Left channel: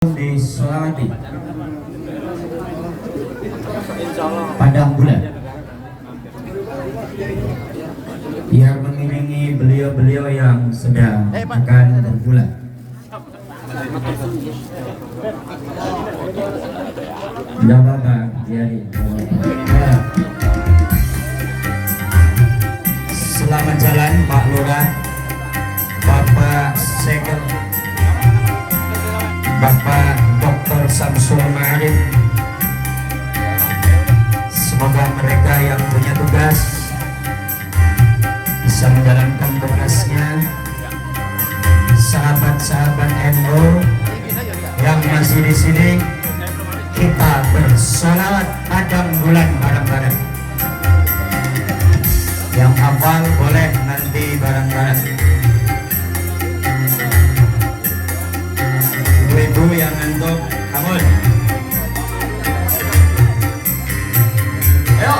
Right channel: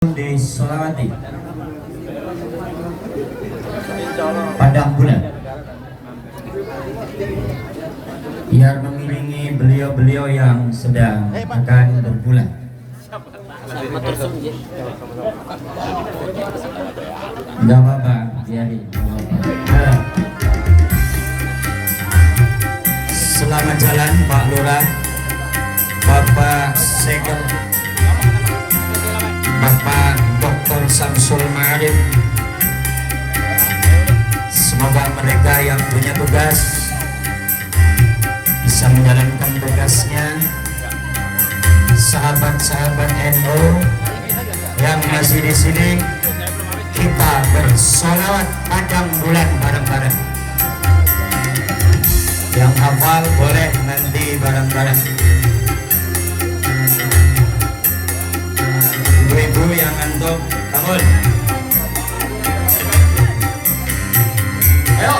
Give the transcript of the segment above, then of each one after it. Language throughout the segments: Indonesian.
disolati padang bulan biar mengiringi beliau-beliau yang sedang akan berbulan. Tidak apa-apa, jadi selamat jalan Pak Lurah, Bapak Segel, Bapak Dr. Samsul Ma'arif. Semoga mereka yang punya tugas bisa menjalankan tugasnya. Sahabat-sahabat NU yang masih di sini, kita bersolawat padang bulan bareng-bareng. Yang hafal boleh nanti bareng-bareng. Ibu-ibu yang ngantuk, bangun. Ayo.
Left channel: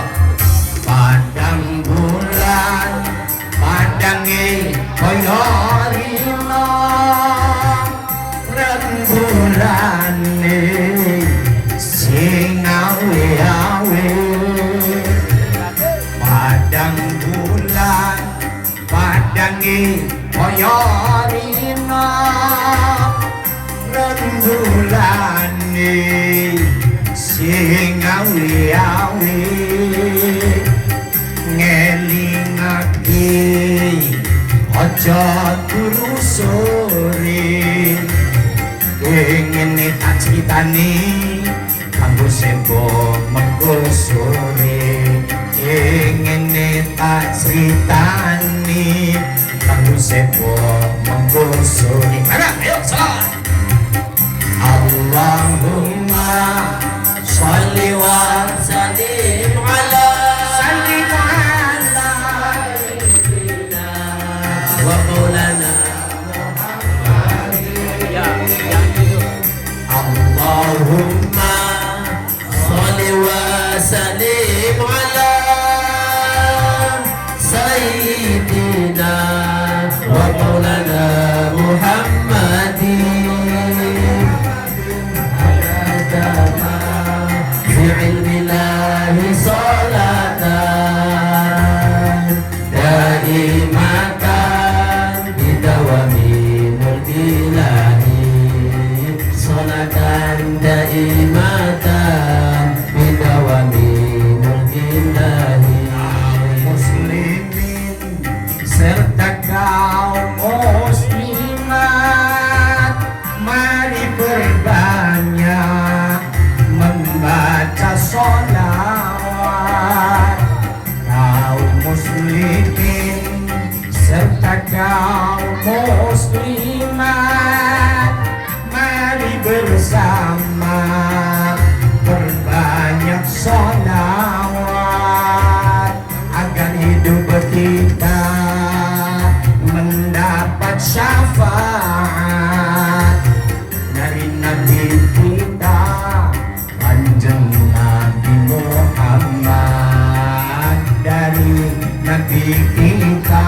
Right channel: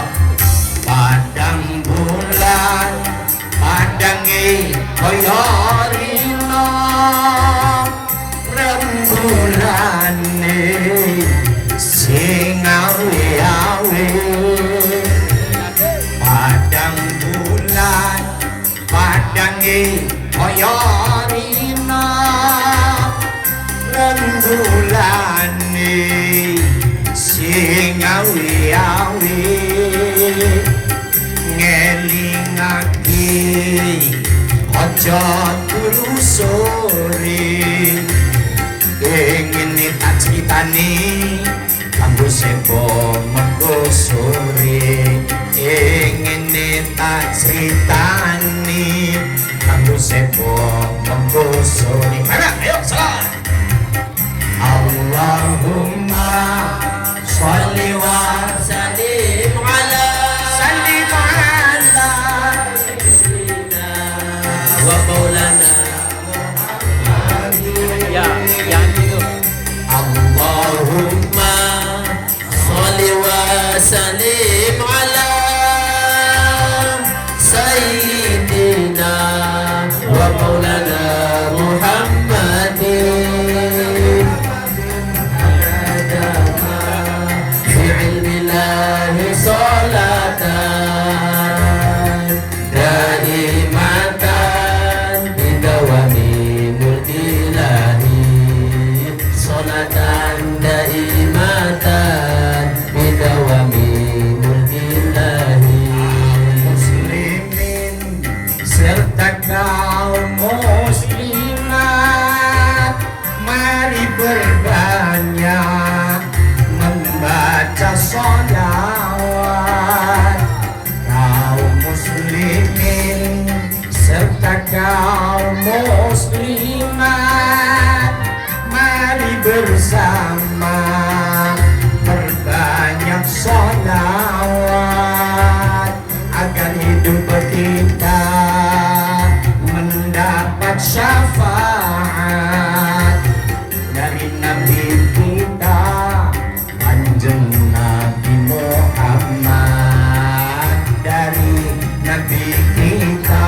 Padang bulan, padangi koyorino, rembulan sing awe-awe. Padang bulan, padangi koyorino, rembulan sing awe-awe. Ngelingake aja turu sore, ingin tak critani kanggo sebo mengko sore, ingin tak critani kanggo sebo mengko sore. Mana ayo salat. Allahumma sholli wa sallim ala Allahumma sholli wa sallim ala sayyidina wa maulana Muhammadin. Fi ilmillahi salatan daimatan bidawami mulkilahi, salatan daimatan bidawami mulkilahi. Muslimin serta kaum muslimat, mari berbanyak membaca sholawat. Kaum muslimin serta kaum muslimat, mari bersama berbanyak sholawat agar hidup kita mendapat syafaat dari Nabi kita Kanjeng Nabi Muhammad, dari Nabi kita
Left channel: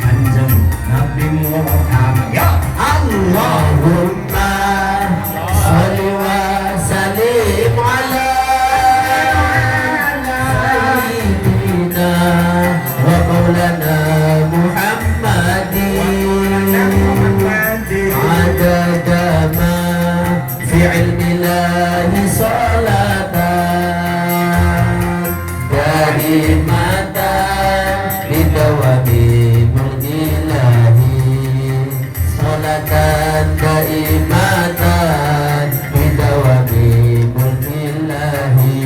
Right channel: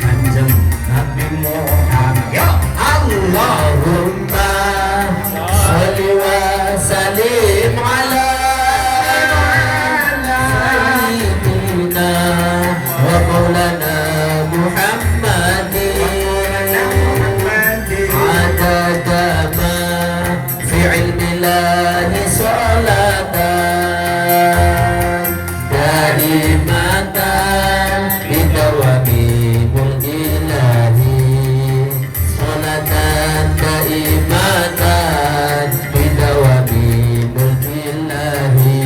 Kanjeng Nabi Muhammad. Ya Allahumma sholli wa sallim ala sayyidina wa maulana Muhammadin, adadama fi ilmillahi salatan daimatan bidawami mulkilahi, salatan daimatan bidawami mulkilahi.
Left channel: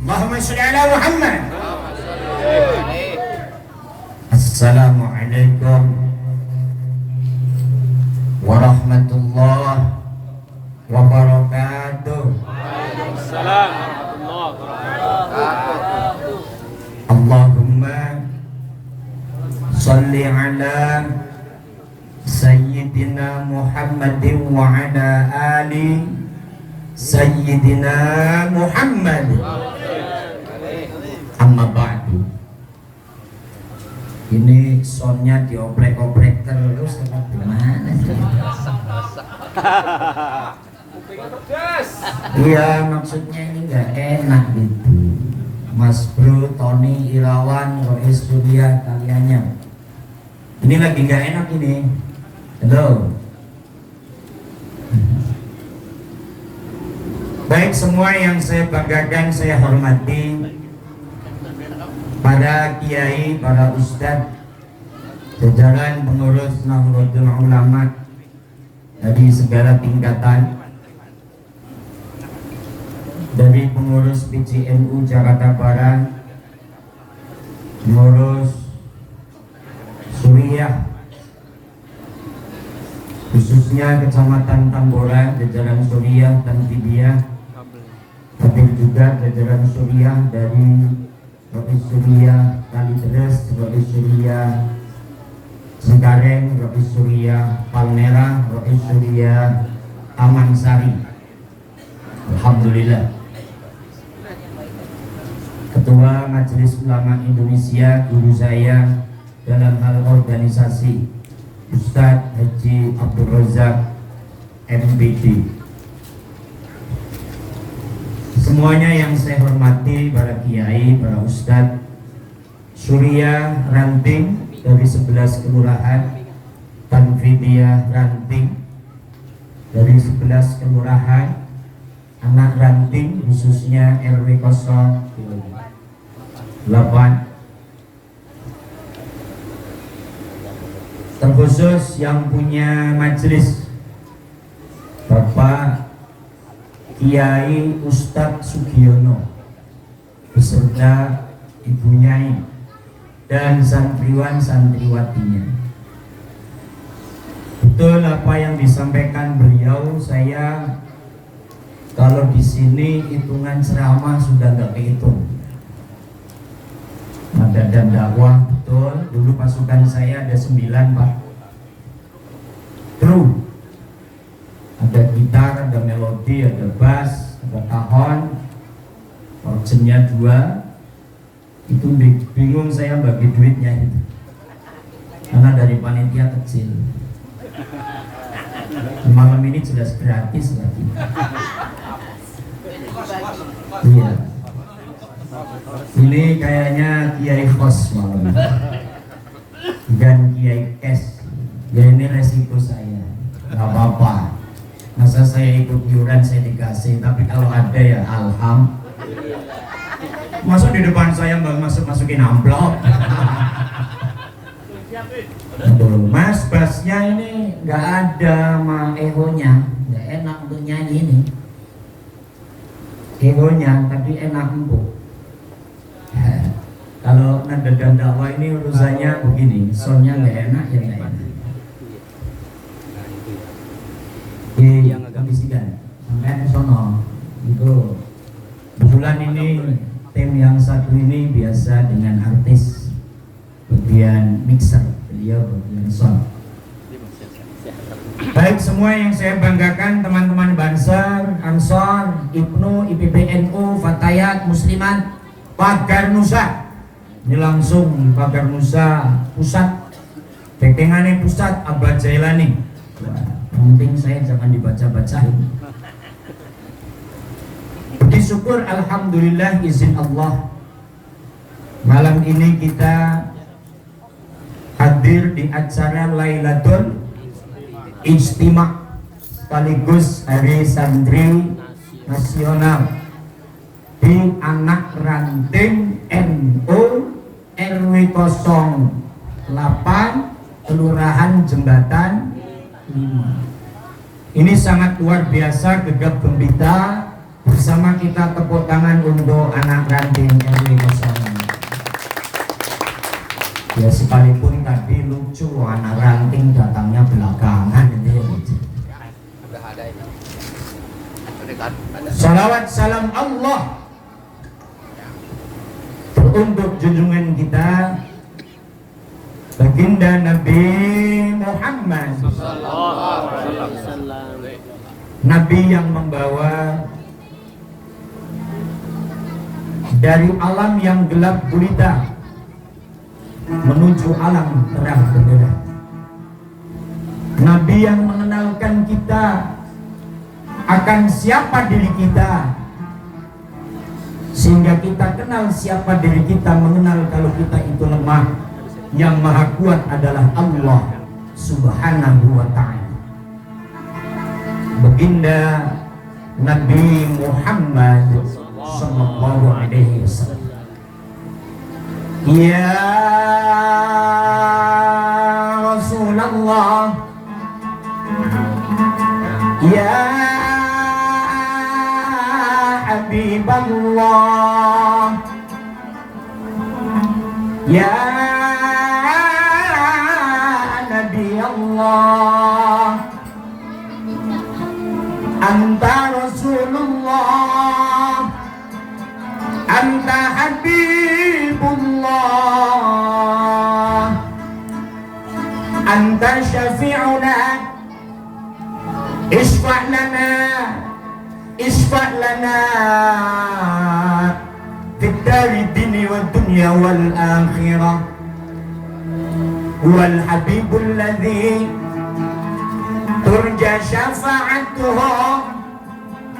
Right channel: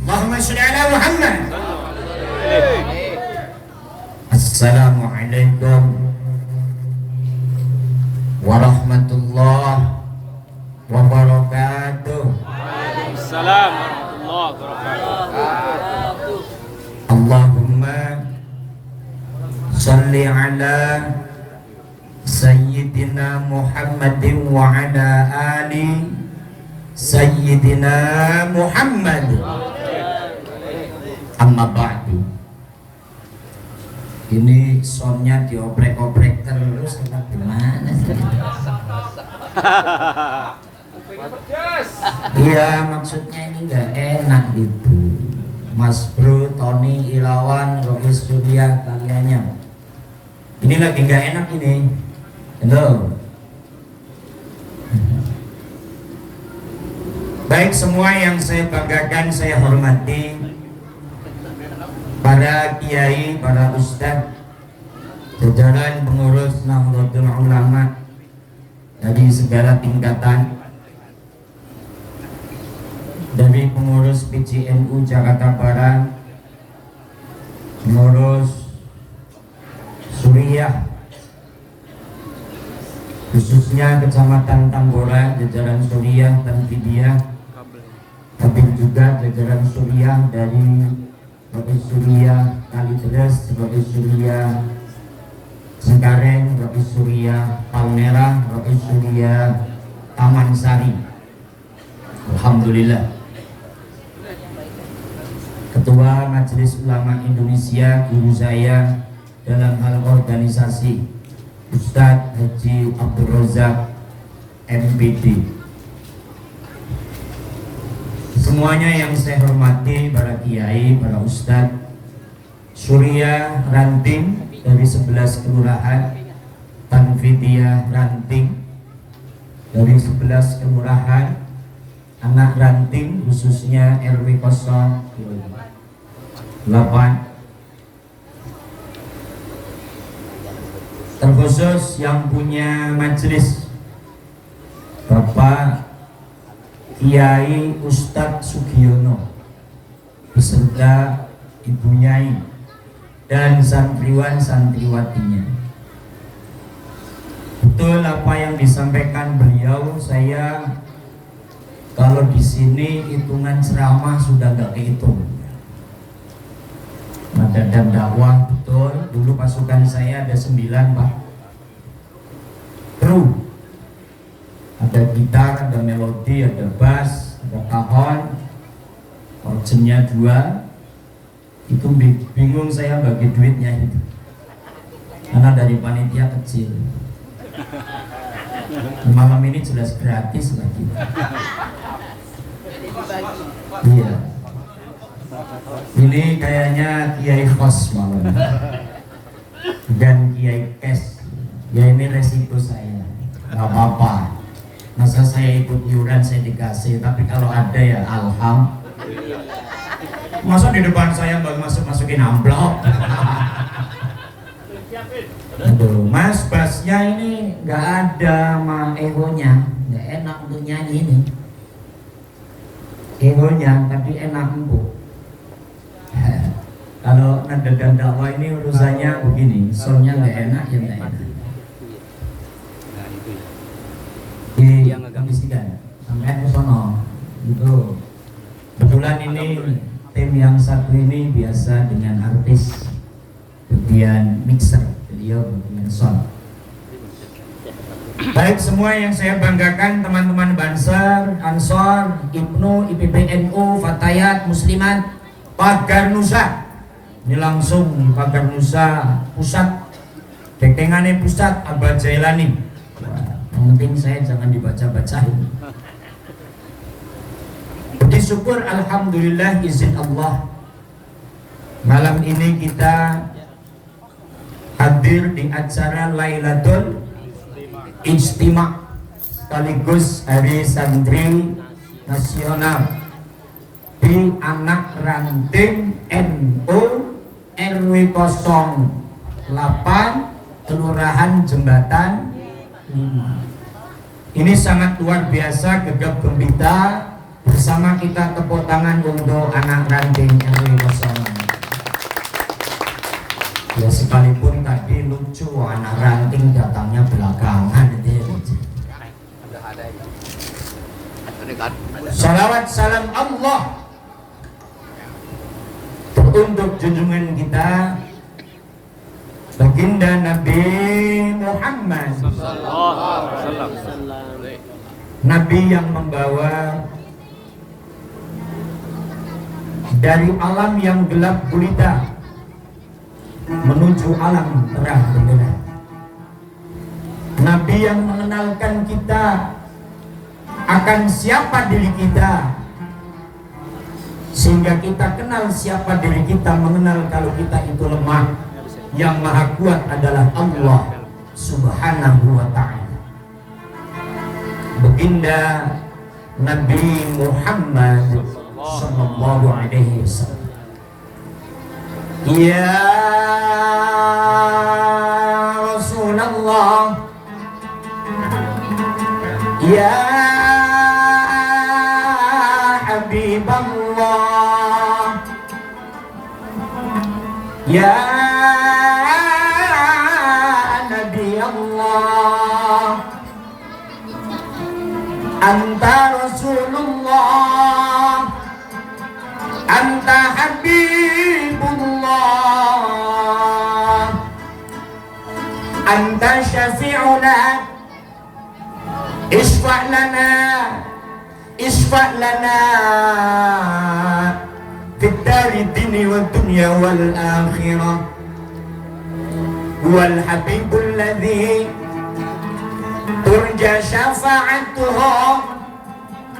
Allahumma sholli ala Muhammad. Assalamualaikum warahmatullahi wabarakatuh. Waalaikumsalam warahmatullahi wabarakatuh. Allahumma sholli ala sayyidina Muhammadin wa ala ali sayyidina Muhammad. Amma ba'du. Ini soundnya dioprek-oprek terus, gimana sih? Iya, maksudnya ini nggak enak gitu. Mas Bro, Tony, Ilawan, Rois Surya, kaliannya. Ini lagi nggak enak ini. Halo. Baik semua yang saya banggakan, saya hormati, para kiai, para ustadz, jajaran pengurus Nahdlatul Ulama dari segala tingkatan, dari pengurus PCNU Jakarta Barat, pengurus Suriah, khususnya Kecamatan Tambora, jajaran Suriah dan Vidya, tapi juga jajaran Suriah dari Rois Surya Kalideres, Rois Surya Cengkareng, Rois Surya Palmerah, Rois Surya Taman Sari. Alhamdulillah. Ketua Majelis Ulama Indonesia, guru saya dalam hal organisasi, Ustadz Haji Abdul Razak MPD. Semuanya yang saya hormati, para kiai, para ustadz, Surya Ranting dari 11 kelurahan, Tanfidia Ranting dari 11 kelurahan, anak ranting khususnya RW 08, terkhusus yang punya majelis Bapak Kiai Ustadz Sugiono beserta Ibu Nyai dan santriwan santriwatinya. Betul apa yang disampaikan beliau, saya kalau di sini hitungan ceramah sudah nggak kehitung. Ada dan dakwah betul. Dulu pasukan saya ada 9 Pak. Kru. Ada gitar, ada melodi, ada bass, ada kahon, organnya 2. Itu bingung saya bagi duitnya itu, karena dari panitia kecil. Malam ini jelas gratis lagi. Iya. Ini kayaknya Kiai Fos malam, bukan Kiai Kes. Ya ini resiko saya, nggak apa-apa. Masa saya ikut iuran saya dikasih, tapi kalau ada ya alhamdulillah. Masa di depan saya mbak masukin amplop. Aduh, Mas bassnya ini nggak ada sama egonya, nggak enak untuk nyanyi ini. Egonya tapi enak empuk. Kalau nada dan dakwah ini urusannya begini, soalnya nggak enak ya nggak enak. Dikondisikan sampai ke sono itu. Kebetulan ini tim yang satu ini biasa dengan artis bagian mixer, beliau bagian sound. Baik semua yang saya banggakan, teman-teman Bansar, Ansor, Ibnu, IPPNU, Fatayat, Muslimat, Pagar Nusa. Ini langsung Pagar Nusa pusat, Dektengannya pusat Abah Jailani. Yang penting saya jangan dibaca-bacain. Puji syukur alhamdulillah izin Allah, malam ini kita hadir di acara Lailatul Ijtima sekaligus Hari Santri Nasional di Anak Ranting NU RW 08 Kelurahan Jembatan 5. Ini sangat luar biasa, gegap gempita. Bersama kita tepuk tangan untuk anak ranting RW 08. Ya sekalipun tadi lucu, anak ranting datangnya belakangan itu ya lucu. Salawat salam Allah untuk junjungan kita baginda Nabi Muhammad, Nabi yang membawa dari alam yang gelap gulita menuju alam terang benderang. Nabi yang mengenalkan kita akan siapa diri kita, sehingga kita kenal siapa diri kita, mengenal kalau kita itu lemah. Yang maha kuat adalah Allah Subhanahu wa ta'ala. Baginda Nabi Muhammad sallallahu alaihi wasallam. Ya Rasulullah, ya Habiballah, ya Nabi Allah, Anta Rasulullah, Anta Habibullah, Anta Syafi'una, Isfa' lana, Isfa' lana Fid dari dini wa dunya wal akhirah. Wal habibul ladzi turja syafa'atuhu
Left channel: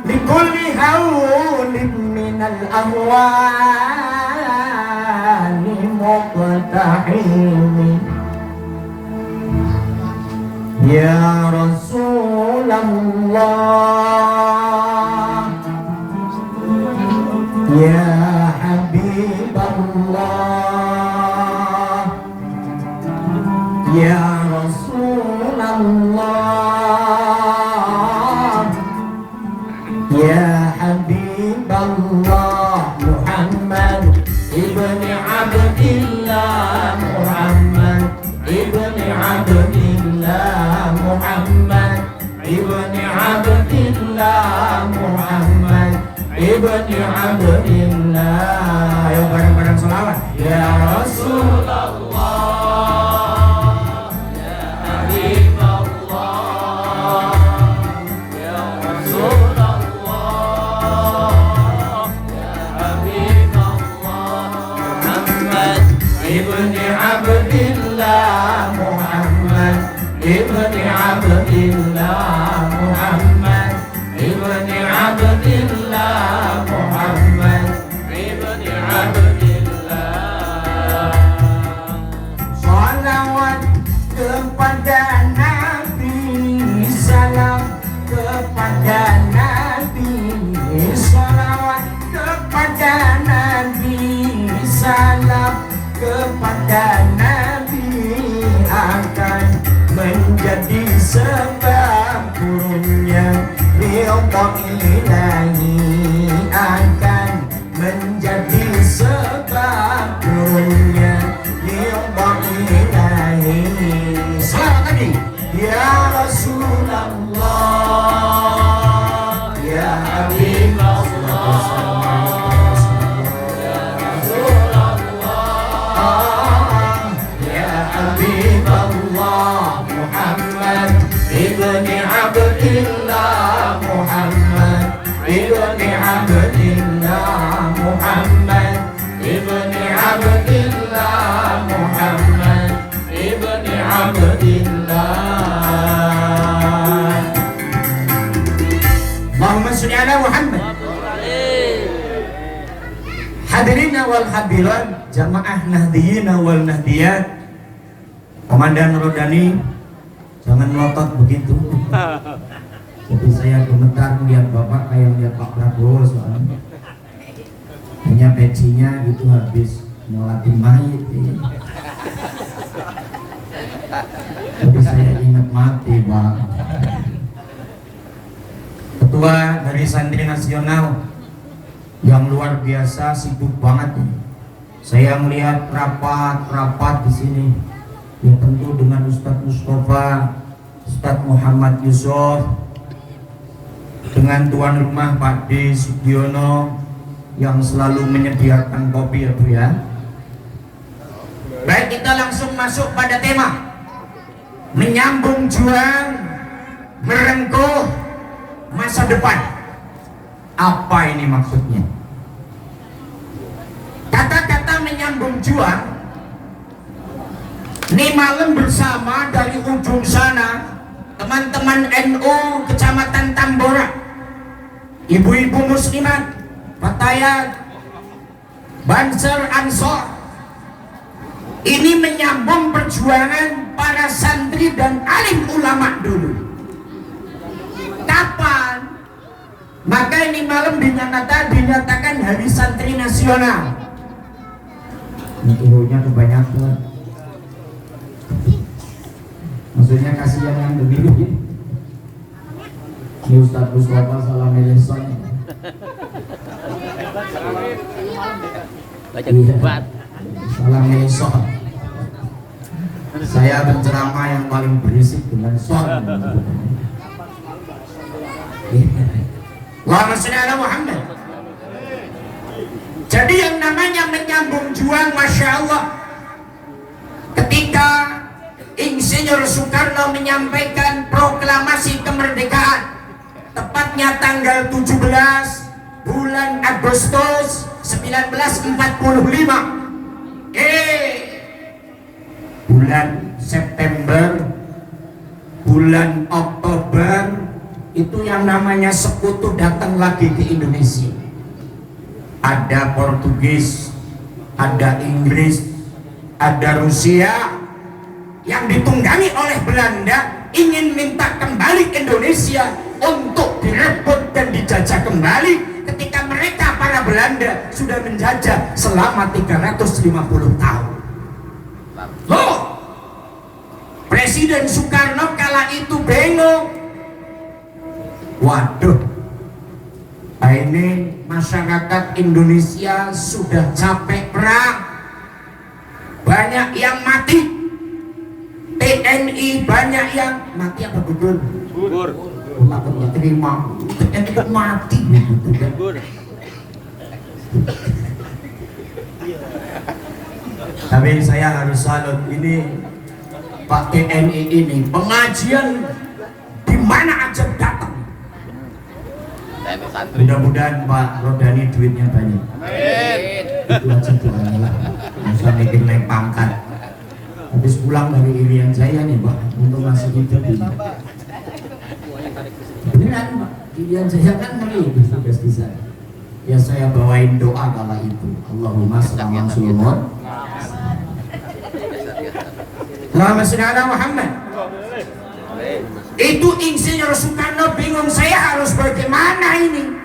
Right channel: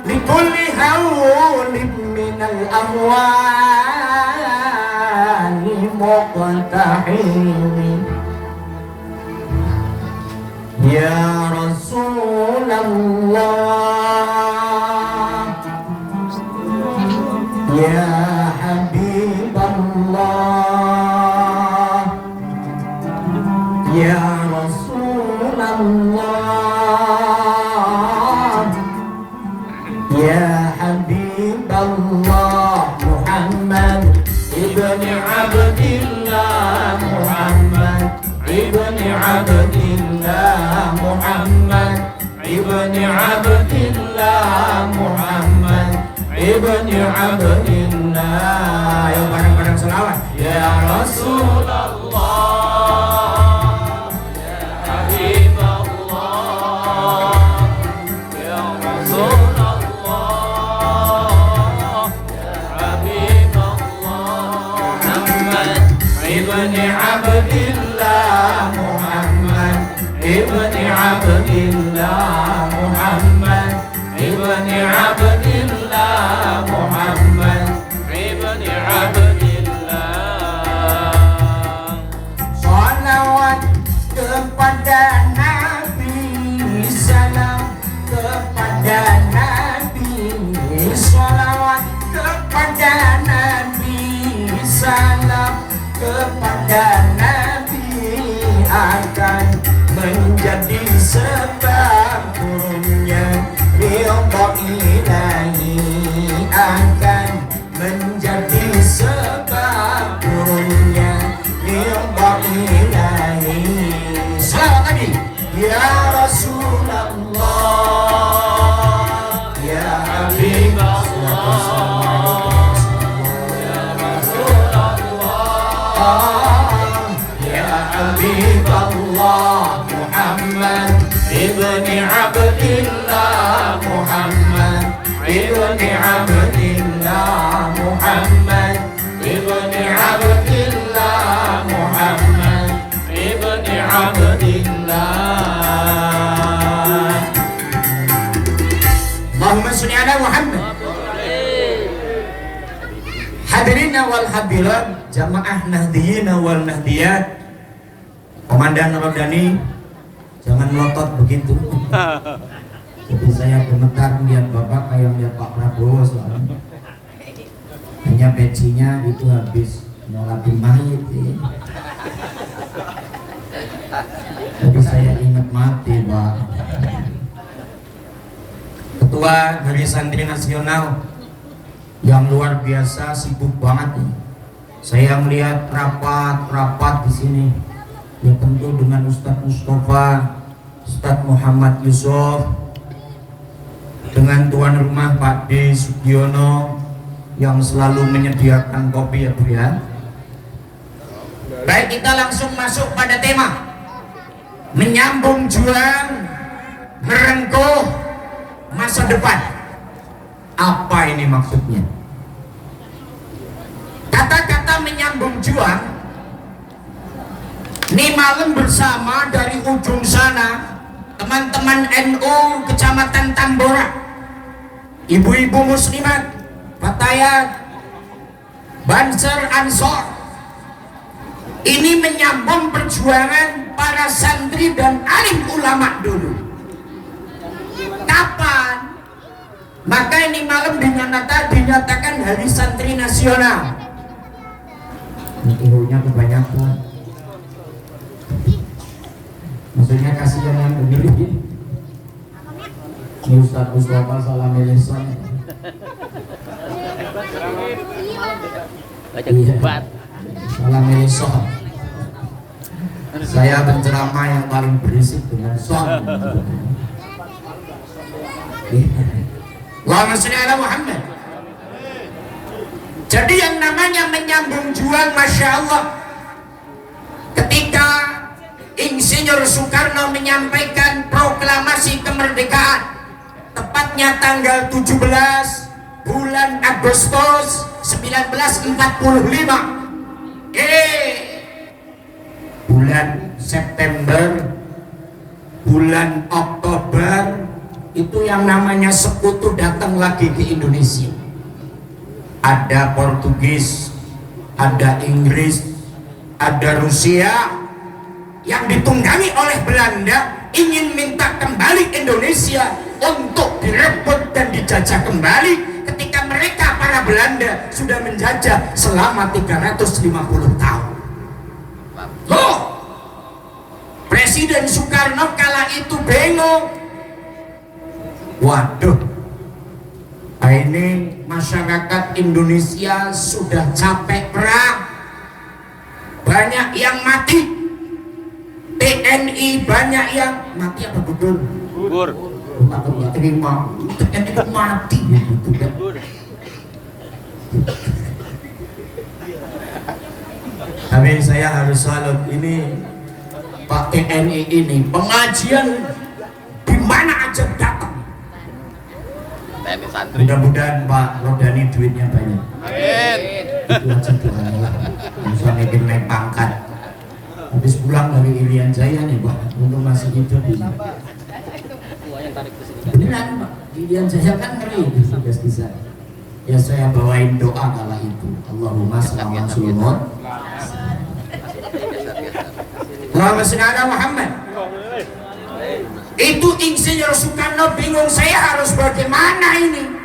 likulli hawlin minal amwali muqtahimi. Ya Rasulullah, ya Habiballah, ya Rasulullah, ya Habiballah. Muhammad ibni Abdillah, Muhammad ibni Abdillah, Muhammad ibni Abdillah, Muhammad ibni Abdillah. Yang bareng-bareng selawat. Ya Rasulullah, ya Habiballah, ya Rasulullah, ya Habiballah. Muhammad ibni Abdillah, Muhammad ibni Abdillah, Muhammad ibni Abdillah, Muhammad ibni Abdillah. Salawat kepada Nabi, salam kepada Nabi, salawat kepada Nabi, salam kepada Nabi, akan menjadi sebab turunnya ridha ilahi, akan menjadi sebab turunnya ridha ilahi. Selawat Nabi. Ya Rasulullah, ya Habibullah, ya Rasulullah, ya Habibullah. Muhammad ibni Abdillah, Muhammad ibni Abdillah, Muhammad ibni Abdillah, Muhammad ibni Abdillah. Allahumma sholli ala Muhammad. Hadirina wal hadirat, jamaah nahdiyina wal nahdiyat, Komandan Rodani, jangan melotot begitu. Jadi saya gemetar melihat Bapak kayak melihat Pak Prabowo soalnya. Hanya pecinya gitu habis nolatin mayit ya. Jadi saya ingat mati Pak. Ketua dari Santri Nasional yang luar biasa, sibuk banget nih. Saya melihat rapat di sini. Ya tentu dengan Ustadz Mustafa, Ustadz Muhammad Yusuf, dengan tuan rumah Pak D. Sugiono yang selalu menyediakan kopi ya Bu ya. Baik, kita langsung masuk pada tema menyambung juang, merengkuh masa depan. Apa ini maksudnya? Kata-kata menyambung juang Ini malam bersama dari ujung sana teman-teman NU Kecamatan Tambora, ibu-ibu muslimat, fatayat, Banser, Ansor. Ini menyambung perjuangan para santri dan alim ulama dulu. Kapan? Maka ini malam dinyatakan Hari Santri Nasional. Ini ibunya kebanyakan. Maksudnya kasihan yang memilih. Ini Ustaz Mustafa salah milih son. Baca kubat. Salah milih son. Saya berceramah yang paling berisik dengan son. Allahumma shalli ala Muhammad. Jadi yang namanya menyambung juang, Masya Allah, ketika Insinyur Soekarno menyampaikan proklamasi kemerdekaan tepatnya tanggal 17 bulan Agustus 1945, bulan September, bulan Oktober itu yang namanya sekutu datang lagi ke Indonesia. Ada Portugis, ada Inggris, ada Rusia yang ditunggangi oleh Belanda ingin minta kembali Indonesia untuk direbut dan dijajah kembali ketika mereka para Belanda sudah menjajah selama 350 tahun. Loh, Presiden Soekarno kala itu bingung. Waduh, ini masyarakat Indonesia sudah capek perang, banyak yang mati. TNI banyak yang mati apa gugur? Gugur. Nggak terima, TNI kan mati gitu kan. Tapi saya harus salut, ini Pak TNI ini pengajian di mana aja datang. Mudah-mudahan Pak Rodani duitnya banyak. Itu aja doanya lah. Bisa bikin naik pangkat. Habis pulang dari Irian Jaya nih Pak, untuk masih hidup ini. Beneran Pak, Irian Jaya kan ngeri di tugas di sana. Ya saya bawain doa kala itu. Allahumma selamat sulmon. Allahumma sholli ala Muhammad. Itu Insinyur Soekarno bingung, saya harus bagaimana ini?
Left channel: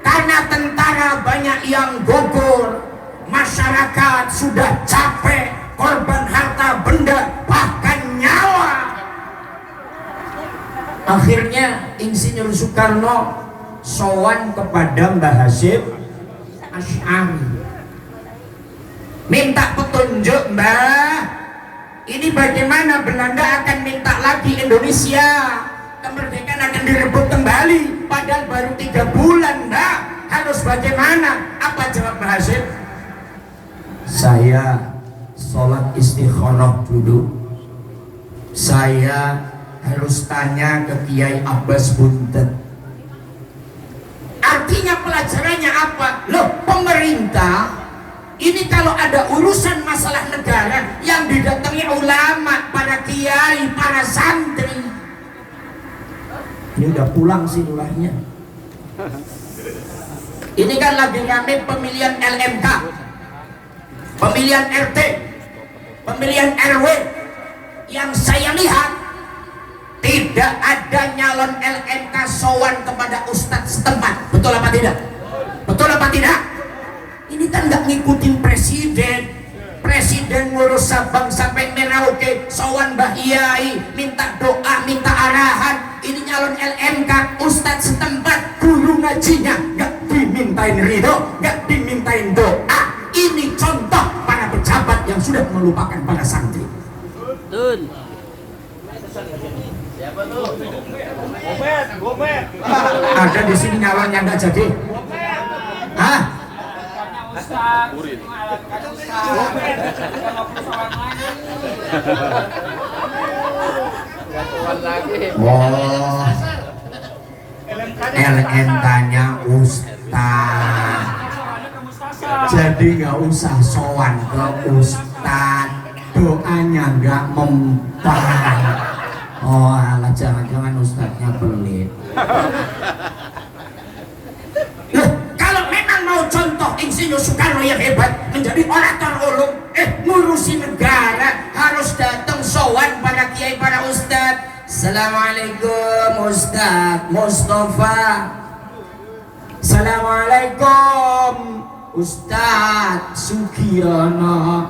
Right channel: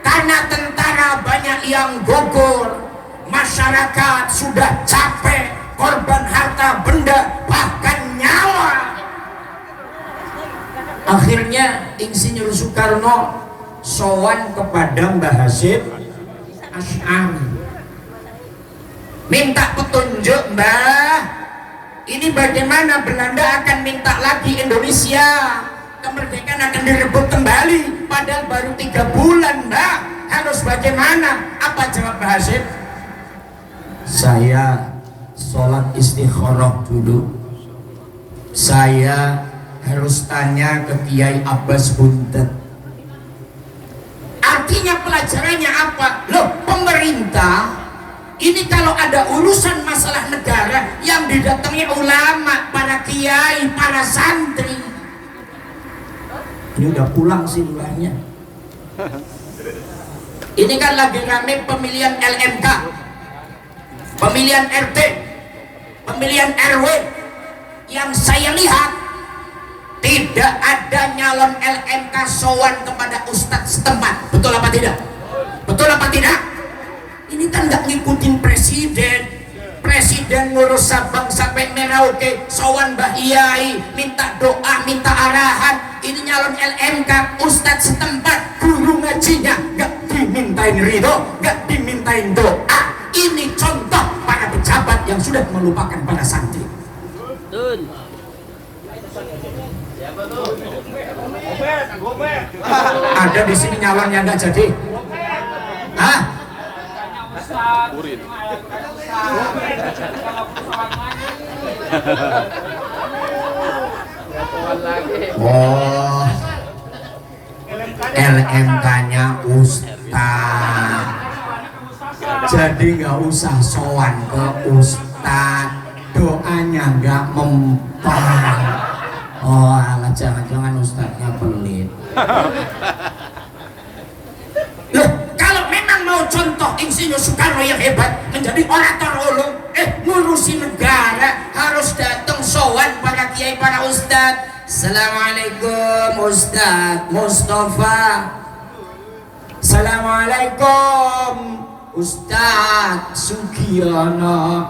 Karena tentara banyak yang gugur, masyarakat sudah capek, korban harta benda bahkan nyawa. Akhirnya Insinyur Soekarno sowan kepada Mbah Hasyim Asy'ari, minta petunjuk, Mbah, ini bagaimana Belanda akan minta lagi Indonesia, kemerdekaan akan direbut kembali, padahal baru 3 bulan, Mbah, harus bagaimana? Apa jawab Mbah Hasyim? Saya sholat istikharah dulu. Saya harus tanya ke Kiai Abbas Buntet. Artinya pelajarannya apa? Loh, pemerintah ini kalau ada urusan masalah negara yang didatangi ulama, para kiai, para santri. Ini udah pulang sih ulahnya. Ini kan lagi rame pemilihan LMK, pemilihan RT, pemilihan RW. Yang saya lihat tidak ada nyalon LMK sowan kepada ustadz setempat. Betul apa tidak? Betul apa tidak? Ini kan nggak ngikutin presiden. Presiden ngurus Sabang sampai Merauke, sowan Mbah Iyai, minta doa, minta arahan. Ini nyalon LMK, ustadz setempat, guru ngajinya nggak dimintain ridho, nggak dimintain doa. Ini contoh para pejabat yang sudah melupakan para santri. Betul. Ada di sini nyalonnya nggak jadi. Hah? Oh, LMK-nya ustaz. Jadi nggak usah sowan ke ustaz. doanya nggak mempan. Oh alah, jangan-jangan ustadznya pelit. Loh, kalau memang mau contoh Insinyur Soekarno yang hebat menjadi orator ulung, ngurusi negara, harus datang sowan para kiai, para ustadz. Assalamualaikum Ustadz Mustafa. Assalamualaikum Ustadz Sugiono.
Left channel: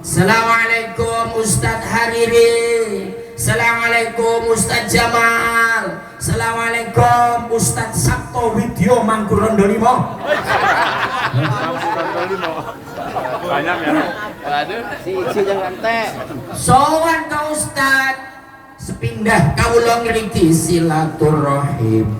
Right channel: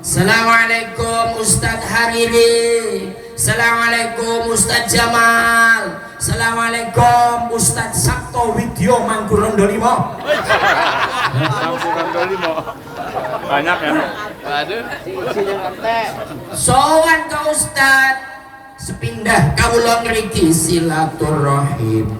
Assalamualaikum Ustadz Hariri. Assalamualaikum Ustadz Jamal. Assalamualaikum Ustadz Sabto Widyo Mangkurondo 5. Banyak ya. Waduh, si jangan teh. Sowan ka Ustadz, sepindah kawula ngriki silaturahim.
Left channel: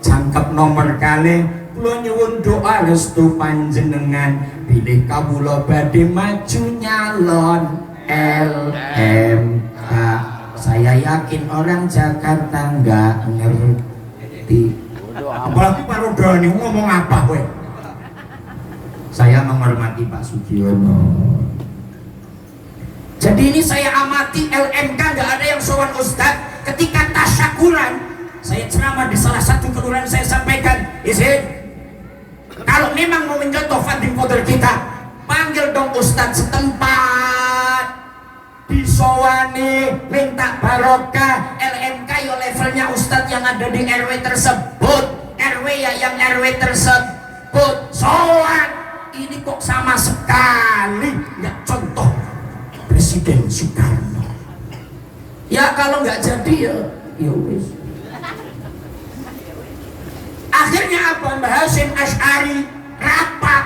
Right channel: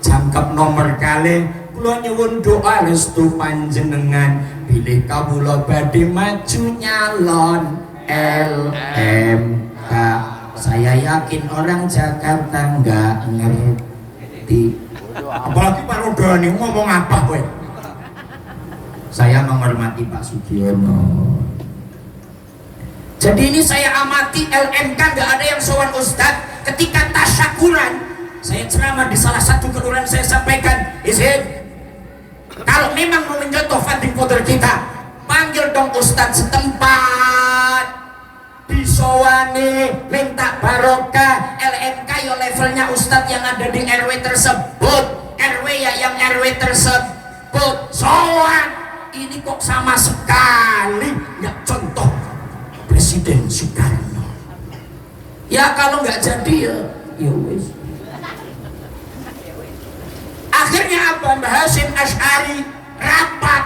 Jangkep nomor kalih kula nyuwun doa restu panjenengan bilih kawula badhe maju nyalon LMK. Saya yakin orang Jakarta nggak ngerti. Apalagi Pak Rodani ngomong apa kowe? Saya menghormati Pak Sugiono. Jadi ini saya amati LMK, nggak ada yang sowan Ustadz. Ketika tasyakuran, saya ceramah di salah satu kelurahan, saya sampaikan, izin, kalau memang mau menjatuh funding voter kita, panggil dong Ustadz setempat, disowani, minta barokah. LMK ya levelnya Ustadz yang ada di RW tersebut, RW ya yang RW tersebut, sowan. Ini kok sama sekali nggak contoh Presiden Soekarno. Ya kalau nggak jadi ya wis. Akhirnya apa? Mbah Hasyim Asy'ari rapat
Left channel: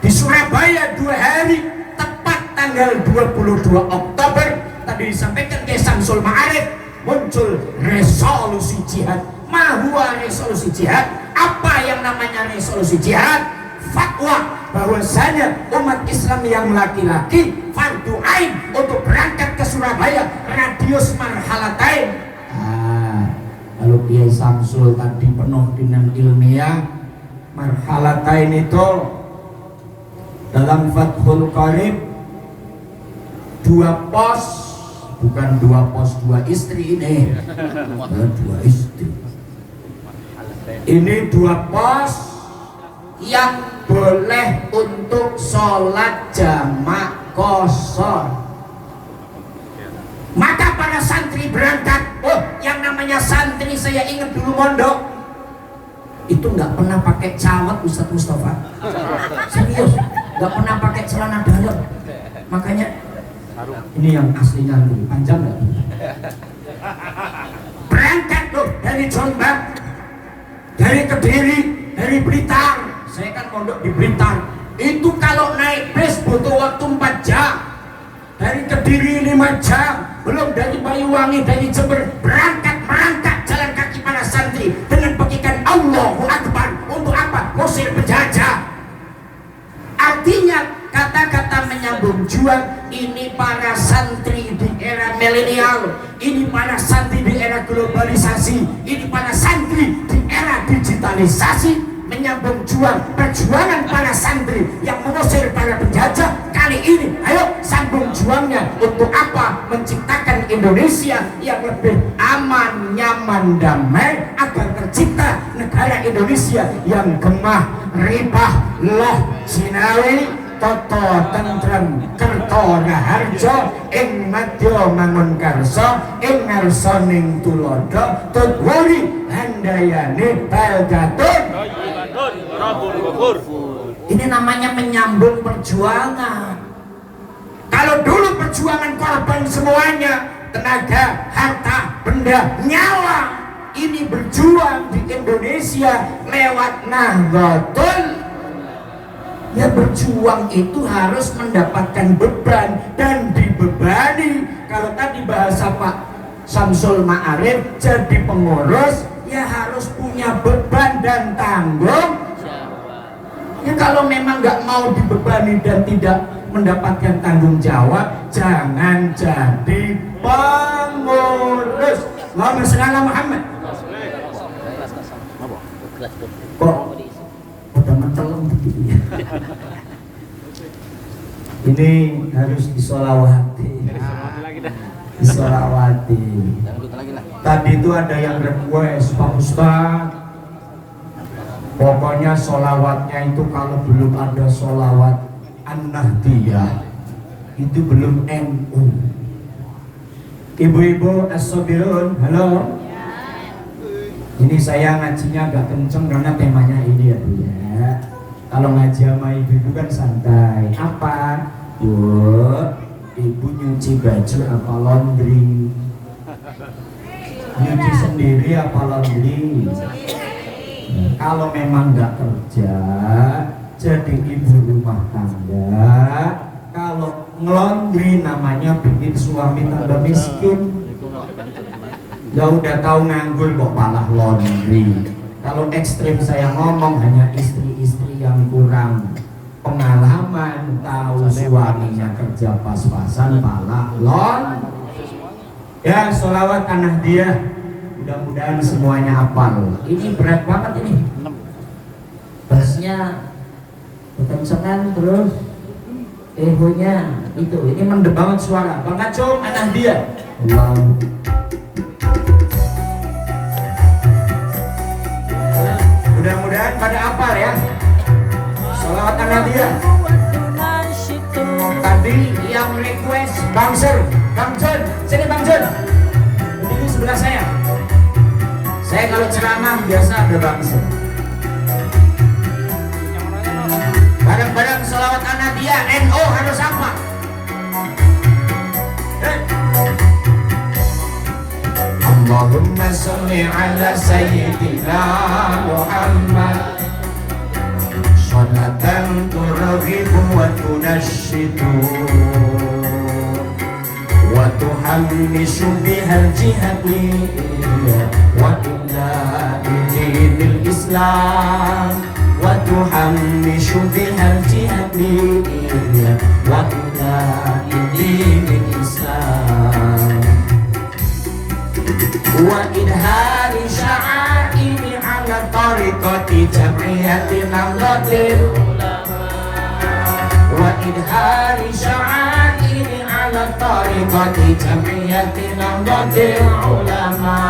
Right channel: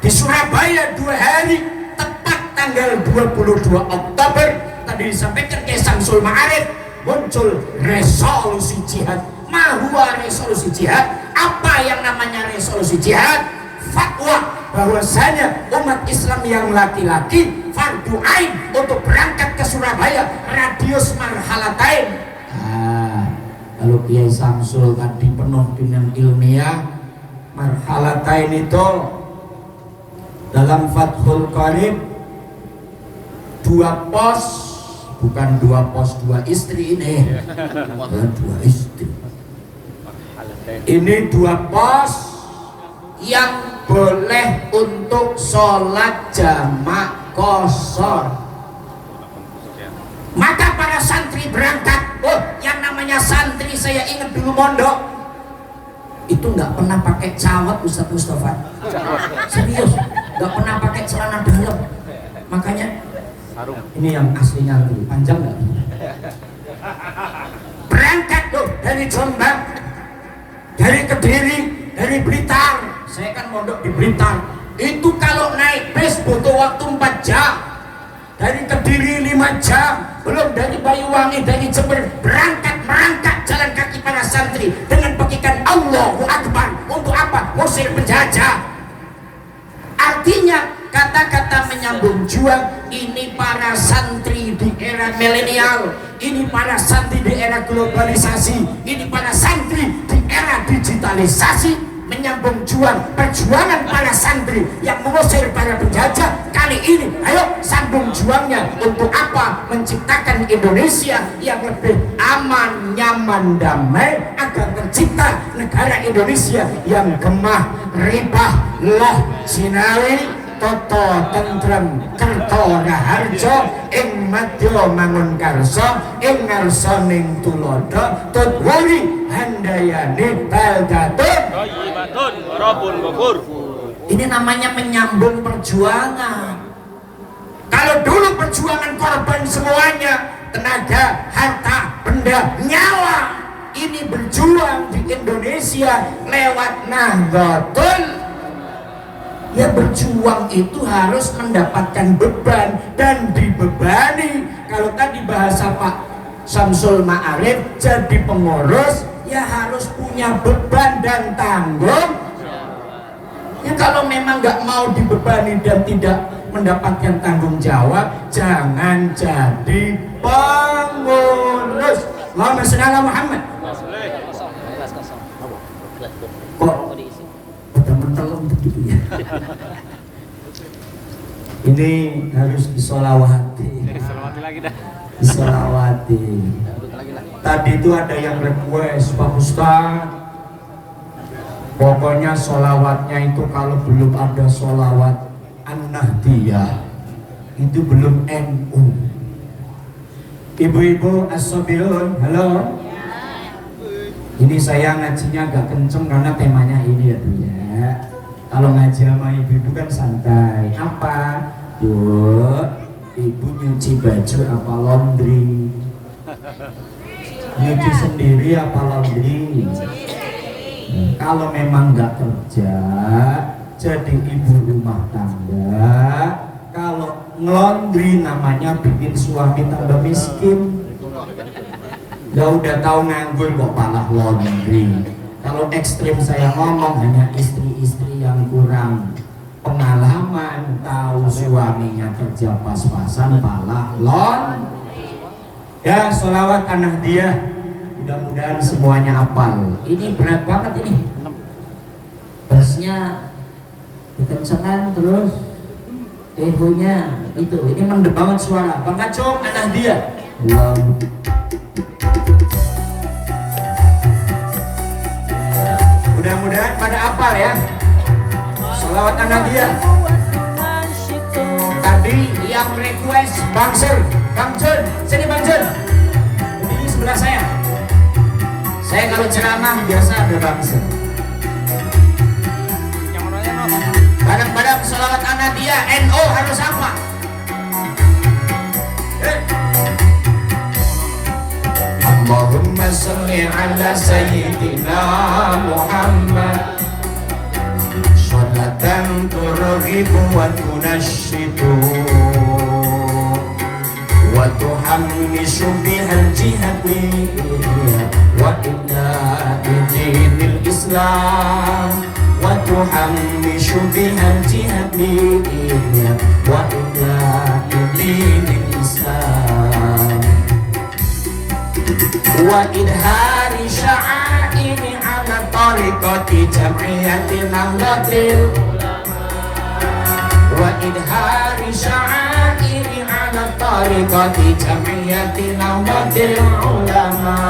di Surabaya 2 hari, tepat tanggal 22 Oktober tadi disampaikan ke Samsul Ma'arif, muncul resolusi jihad. Mahua resolusi jihad? Apa yang namanya resolusi jihad? Fatwa bahwasanya umat Islam yang laki-laki fardu ain untuk berangkat ke Surabaya, radius marhalatain. Kalau Kiai Samsul tadi penuh dengan ilmiah, marhalatain itu dalam Fathul Qarib 2 pos, bukan 2 pos 2 istri ini, 2 istri. Ini 2 pos yang boleh untuk sholat jamak qashar. Maka para santri berangkat. Oh, yang namanya santri saya ingat dulu mondok itu nggak pernah pakai cawat, Ustadz Mustafa. Serius, nggak pernah pakai celana dalam. Makanya ini yang aslinya lebih panjang nggak? Berangkat tuh dari Jombang, dari Kediri, dari Blitar. Saya kan mondok di Blitar. Itu kalau naik bis butuh waktu 4 jam. Dari Kediri 5 jam. Belum dari Banyuwangi, dari Jember. Berangkat jalan kaki para santri dengan petikan Allahu Akbar. Untuk apa? Ngusir penjajah. Artinya kata-kata menyambung juang. Ini para santri di era milenial. Ini para santri di era globalisasi. Ini para santri di era digitalisasi. Menyambung juang, perjuangan para santri yang mengusir para penjajah. Kali ini ayo sambung juangnya untuk apa? Menciptakan Indonesia yang lebih aman, nyaman, damai, agar tercipta negara Indonesia yang gemah, ribah, loh, sinawi, toto, tentrem, kerto, raharjo, ing madya mangun karso, ing ngarsoning tulodo, tutwuri handayani baldatun. Ini namanya menyambung perjuangan. Kalau dulu perjuangan korban semuanya, tenaga, harta, benda, nyawa. Ini berjuang di Indonesia lewat Nahdlatul. Ya berjuang itu harus mendapatkan beban dan dibebani. Kalau tadi bahasa Pak Samsul Ma'arif jadi pengurus, ya harus punya beban dan tanggung. Ya kalau memang nggak mau dibebani dan tidak mendapatkan tanggung jawab, jangan jadi pengurus. Allahumma shalli ala Muhammad. Kok udah menteleng begitu ya? Ini harus disolawati. Mati lagi dah. Disolawati. Tadi itu ada yang request, Pak Ustadz, pokoknya solawatnya itu kalau belum ada solawat An-Nahdiyah itu belum NU. Ibu-ibu as-sabilun, halo. Ini saya ngajinya agak kenceng karena temanya ini ya Bu ya. Kalau ngaji sama ibu-ibu kan santai. Apa? Bu, ibu nyuci baju apa laundry? Nyuci sendiri apa laundry? Kalau memang nggak kerja, jadi ibu rumah tangga. Kalau ngelondri namanya bikin suami tambah miskin. Ya udah tahu nganggur kok malah laundry. Kalau ekstrim saya ngomong hanya istri-istri yang kurang pengalaman, tahu suaminya kerja pas-pasan malah laundry. Ya, sholawat An-Nahdiyah. Mudah-mudahan semuanya hafal. Ini berat banget ini. Bassnya kekencengan terus ehonya itu. Ini mendem banget suara. Bang Kacung, An-Nahdiyah. Mudah-mudahan pada hafal ya. Sholawat An-Nahdiyah. Tadi yang request Bang Sur, Bang Jun, sini Bang Jun. Ini sebelah saya. Saya kalau ceramah biasa ada Bang Sur. Barang-barang sholawat An-Nahdiyah NO harus apa? Allahumma sholli ala sayyidina Muhammad sholatan turghibu wa tunashidu wa tuhammishu bihal jihadi wa ila dinil Islam wa tuhammishu bihal jihadi wa ila dinil Islam wa idhari sya'airi ala tariqati jam'iyyati nahdlatil ulama wa idhari sya'airi ala tariqati jam'iyyati nahdlatil ulama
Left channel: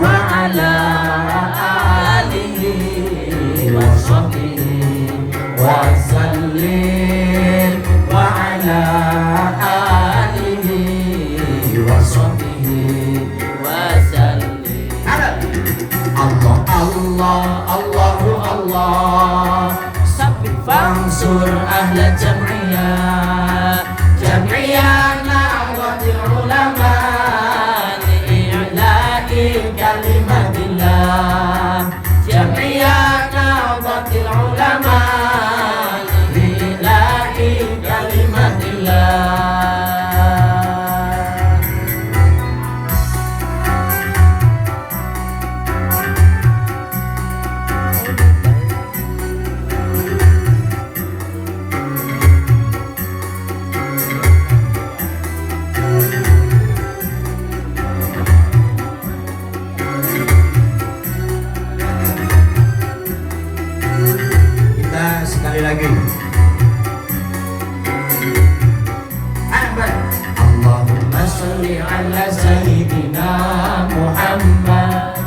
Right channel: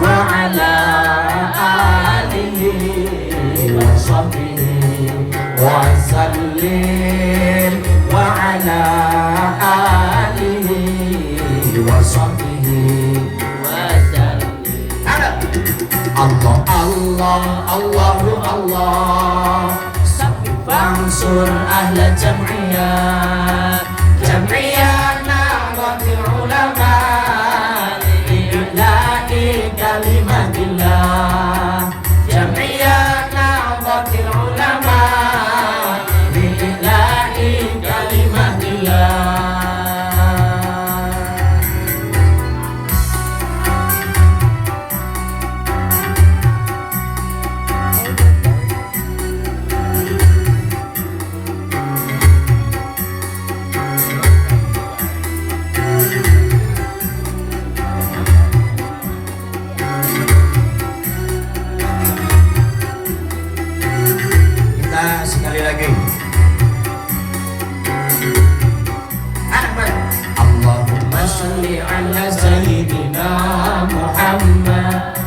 wa ala alihi wa sahbihi wa sallim wa ala alihi wa sahbihi Allah, Allah, Allahu Allah. Fansur ahla jam'iyah, jam'iyah nawatil ulama, lillahi kalimatillah. Jam'iyah nawatil ulama, lillahi kalimatillah. Sekali lagi. Allahumma sholli ala sayyidina Muhammad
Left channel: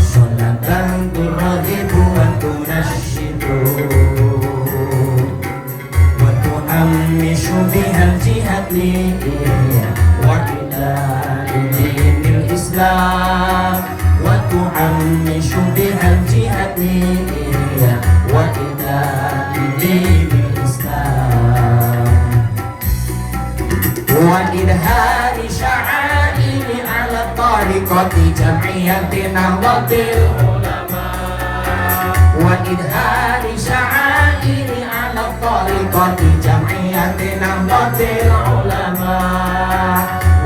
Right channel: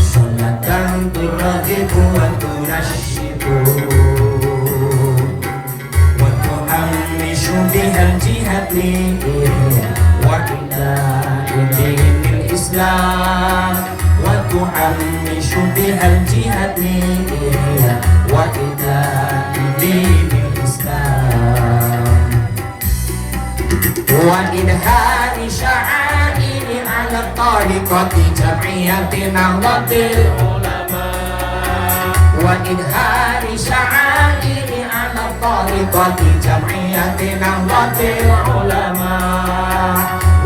sholatan turghibu wa tunashidu wa tuhammishu bihal jihadi wa ila dinil Islam wa tuhammishu bihal jihadi wa ila dinil Islam wa idhari sya'airi ala tariqati jam'iyyati nahdlatil ulama wa idhari sya'airi ala tariqati jam'iyyati nahdlatil ulama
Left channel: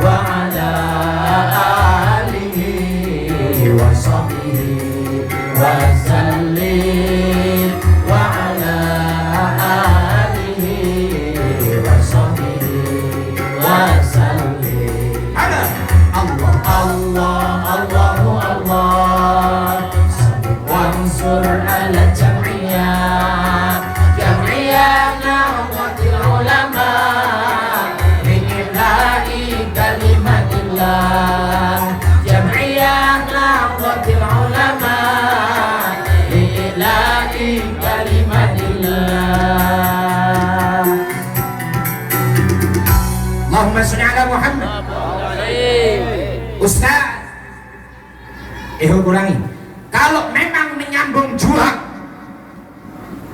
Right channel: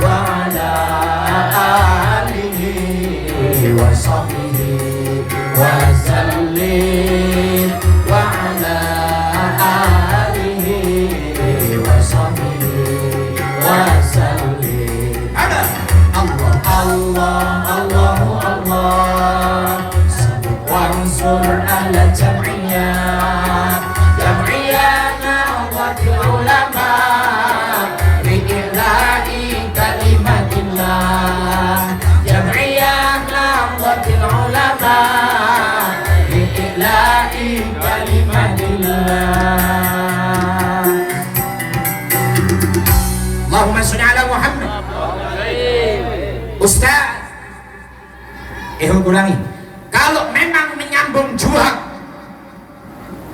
wa ala alihi wa sahbihi wa sallim wa ala alihi wa sahbihi wa sallim. Allah, Allah, Allahu Allah. Wansur ala jam'iyah, jam'iyah nawatil Ulangi. Kalau memang menyambung juang,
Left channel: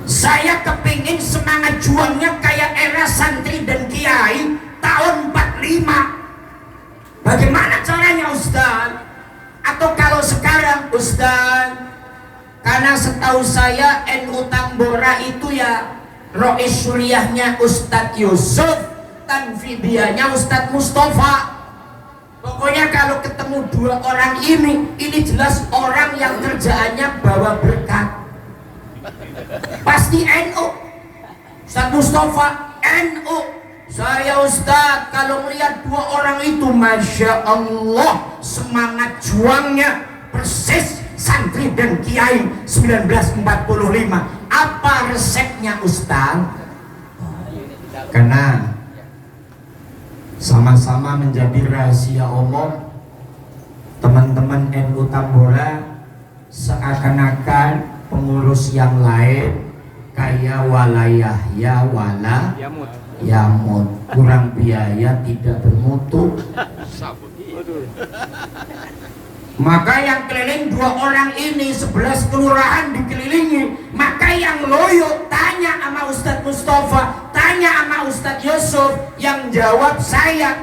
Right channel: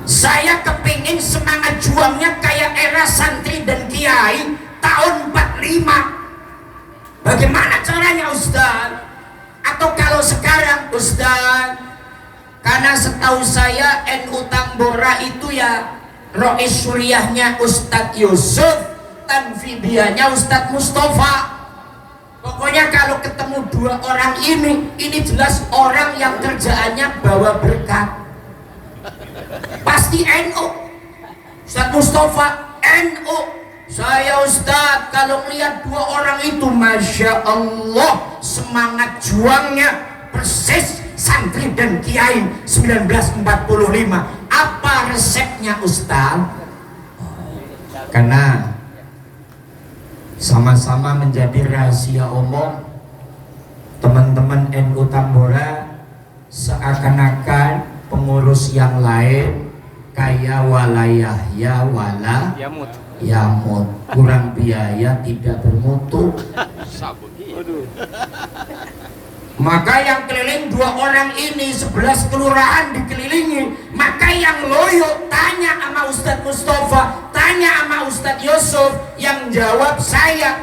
saya kepingin semangat juangnya kayak era santri dan kiai tahun 45. Bagaimana caranya Ustaz? Atau kalau sekarang Ustaz, karena setahu saya NU Tambora itu ya Rois Suriahnya Ustadz Yusuf, Tanfidianya Ustadz Mustafa. Pokoknya kalau ketemu dua orang ini jelas orang yang kerjaannya bawa berkat. Pasti NU. Ustadz Mustafa NU. Saya Ustadz kalau melihat dua orang itu, Masya Allah, semangat juangnya persis santri dan kiai 1945. Apa resepnya Ustaz? Karena sama-sama menjadi rahasia umum, teman-teman NU Tambora seakan-akan pengurus yang lain kayak walayahya wala yamut, kurang biaya, tidak bermutu. Maka yang keliling dua orang ini 11 kelurahan dikelilingi. Maka yang loyo tanya sama Ustadz Mustafa, tanya sama Ustadz Yusuf, yang jawab saya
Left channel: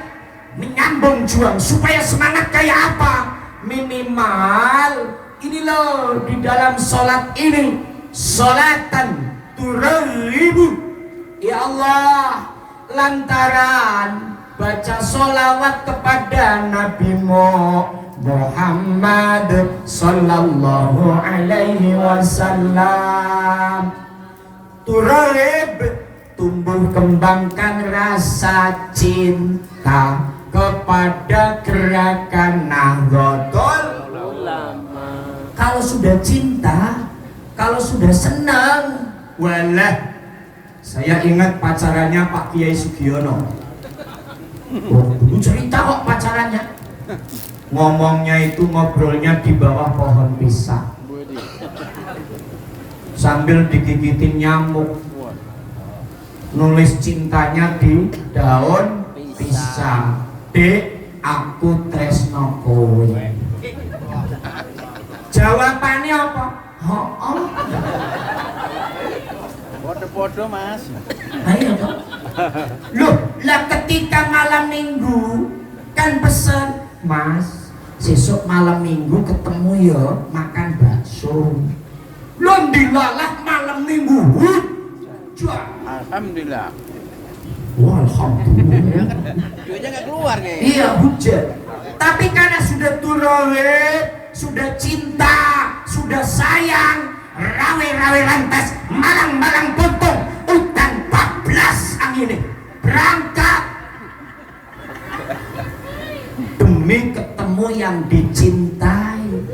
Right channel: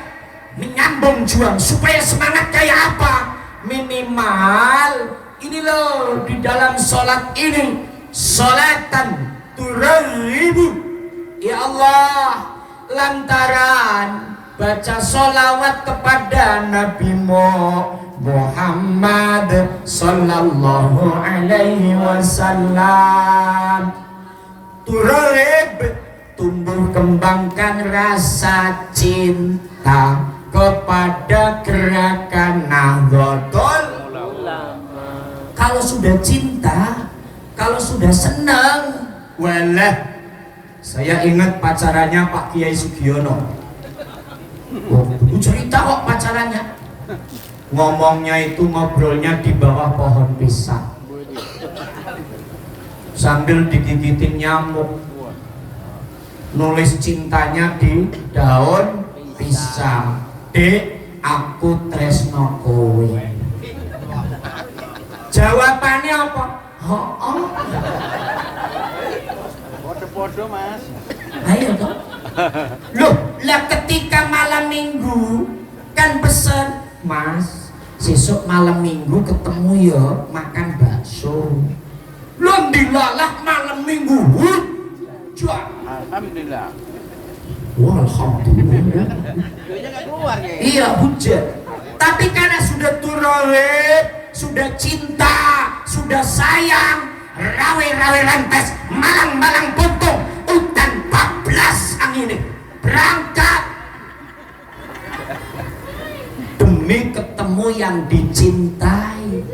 menyambung juang supaya semangat kayak apa? Minimal ini loh, di dalam sholat ini sholatan turaibu, ya Allah, lantaran baca sholawat kepada Nabi Muhammad sallallahu alaihi wasallam, turib, tumbuh kembangkan rasa cinta kepada gerakan Nahdlatul Ulama. Kalau sudah cinta, kalau sudah senang, walah, saya ingat pacarannya Pak Kiai Sugiono. Oh, dulu cerita kok pacarannya. Ngomongnya itu ngobrolnya di bawah pohon pisang sambil digigitin nyamuk, nulis cintanya di daun pisang. Dek, aku tresno kowe. Jawabannya apa? Podo-podo Mas. Ayo toh. Loh, lah ketika malam minggu kan pesen, Mas, besok malam minggu ketemu ya makan bakso. Loh, dilalah malam minggu hujan. Alhamdulillah. Wah, alhamdulillah. Duitnya nggak keluar ya. Iya, hujan. Tapi karena sudah turolip, sudah cinta, sudah sayang, rawe-rawe lantas, malang-malang potong, utan 14 angin berangkat demi ketemu yang dicintai.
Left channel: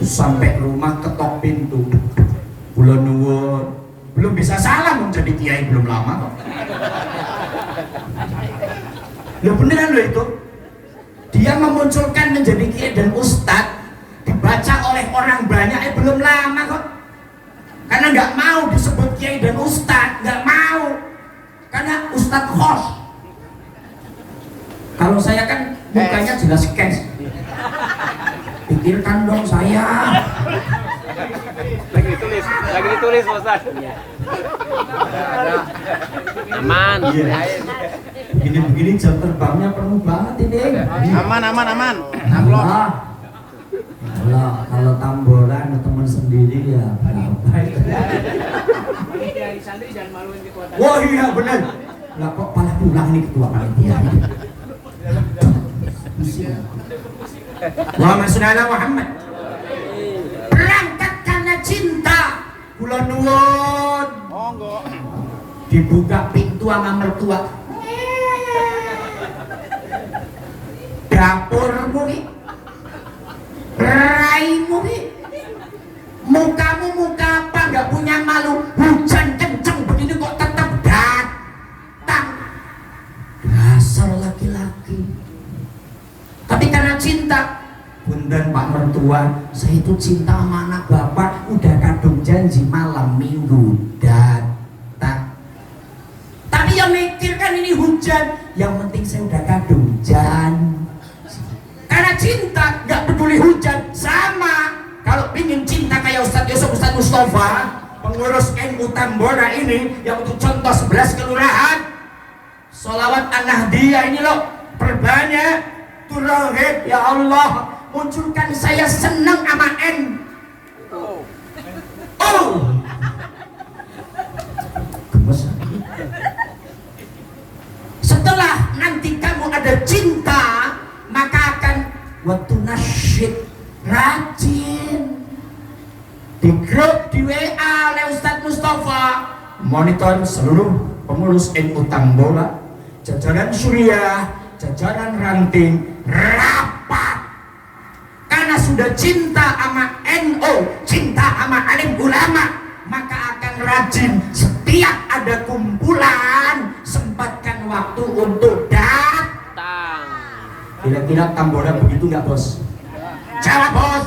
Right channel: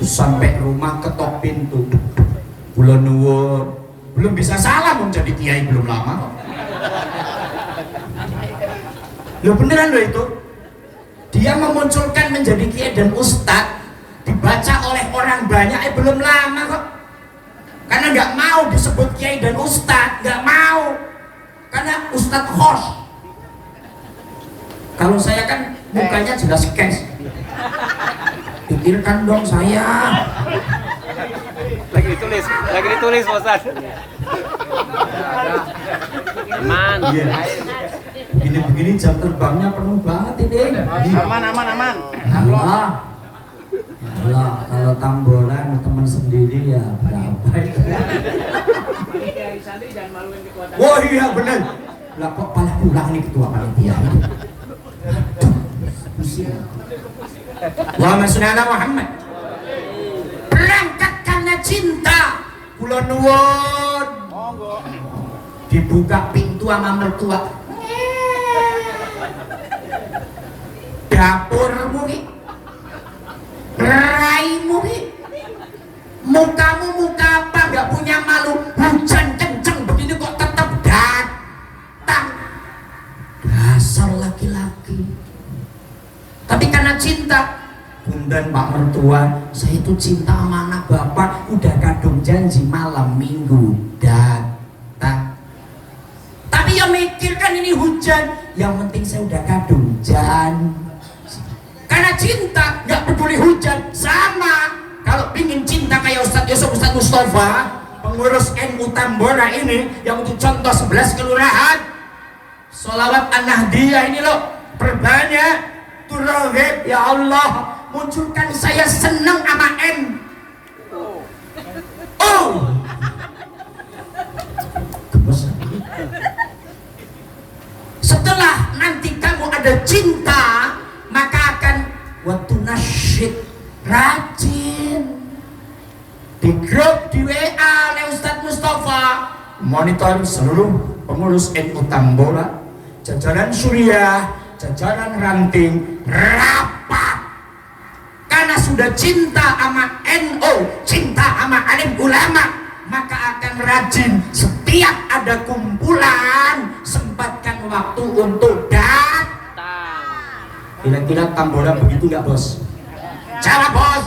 Sampai rumah ketok pintu, kula nuwun, belum bisa salam menjadi kiai belum lama. Loh beneran loh itu. Dia memunculkan menjadi kiai dan ustadz, dibaca oleh orang banyak belum lama kok. Karena nggak mau disebut kiai dan ustadz, nggak mau. Karena ustadz host. Kalau saya kan mukanya jelas cash. Pikirkan dong saya. Lagi ditulis Ustaz. Aman. Iya. Begini jam terbangnya penuh banget ini. Aman. Allah. Allah, kalau Tamboran teman sendiri ya berapa? Wah iya benar. Lah kok malah pulang nih ketua panitia. Muhammad Sunnah Muhammad. Berangkat karena cinta. Kula nuwun. Monggo. Dibuka pintu sama mertua. Dapurmu ki, raimu ki, mukamu muka apa nggak punya malu? Hujan kenceng begini kok tetap datang. Dasar laki-laki. Tapi karena cinta, punten Pak Mertua, saya itu cinta sama anak bapak, udah kadung janji malam minggu datang. Tapi yang mikirkan ini hujan, yang penting saya udah kadung janji. Karena cinta, nggak peduli hari hujan sama. Kalau ingin cinta kayak Ustadz Yusuf, Ustadz Mustafa, pengurus NU Tambora ini, yang untuk contoh 11 kelurahan, sholawat an-nahdiyah ini loh, perbanyak, turahib, ya Allah, munculkan saya senang sama N. Oh, gemes. Setelah nanti kamu ada cinta, maka akan waktu nasyid, rajin di grup di WA oleh Ustadz Mustafa, monitor seluruh pengurus NU Tambora, jajaran Suriah, jajaran Ranting, rapat karena sudah cinta sama NU, cinta sama alim ulama, maka akan rajin setiap ada kumpulan sempatkan waktu untuk datang. Kira-kira Tambora begitu nggak bos? Jawab bos.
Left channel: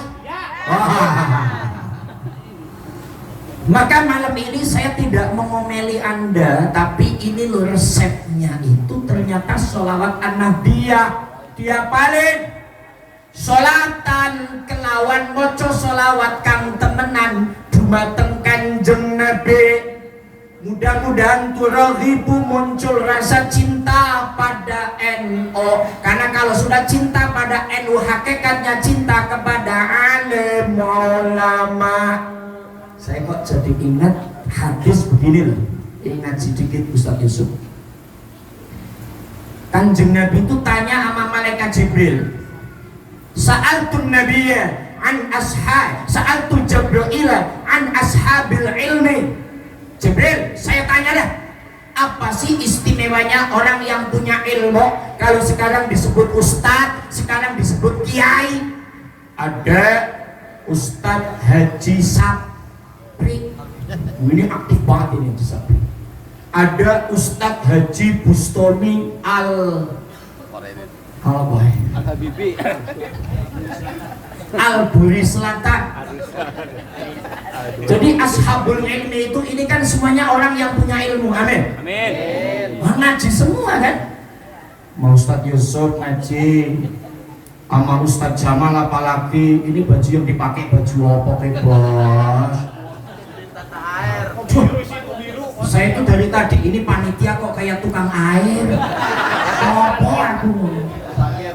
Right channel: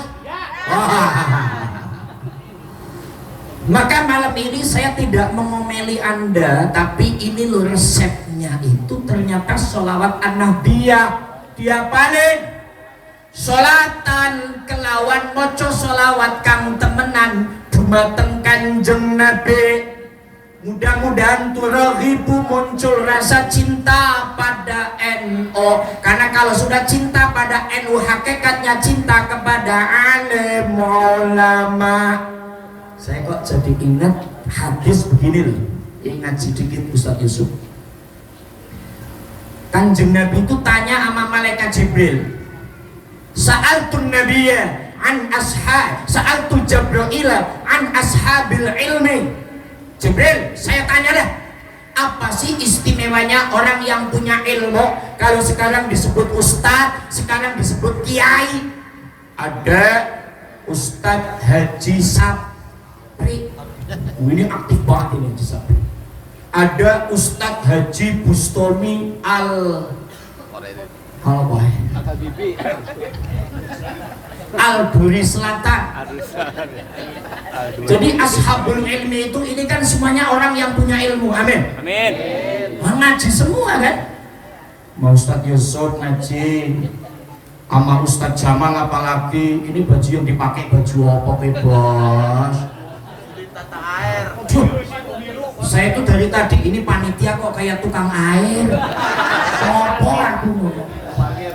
Maka malam ini saya tidak mengomeli Anda, tapi ini loh resepnya itu ternyata sholawat an-nahdiyah diapalin. Sholatan kelawan moco sholawat kang temenan dumateng Kanjeng Nabi. Mudah-mudahan turaghibu muncul rasa cinta pada NU. Karena kalau sudah cinta pada NU, hakikatnya cinta kepada alim ulama. Saya kok jadi ingat hadis begini loh. Ingat sedikit Ustaz Yusuf. Kanjeng Nabi itu tanya sama malaikat Jibril. Sa'altun nabiyya an ashab, sa'altu Jibril an ashabil ilmi. Jibril, saya tanya dah, apa sih istimewanya orang yang punya ilmu? Kalau sekarang disebut ustadz, sekarang disebut kiai. Ada Ustadz Haji Sapri, ini aktif banget ini Sapri. Ada Ustadz Haji Bustami Habibi. Al-Buri Selatan. Jadi ashabul ilmi itu ini kan semuanya orang yang punya ilmu. Amin. Amin. Ngaji semua kan? Mau Ustadz Yusuf ngaji, sama Ustadz Jamal apalagi. Ini baju yang dipakai baju apa bos? Saya tuh dari tadi ini panitia kok kayak tukang air. Apa aku? Parkir.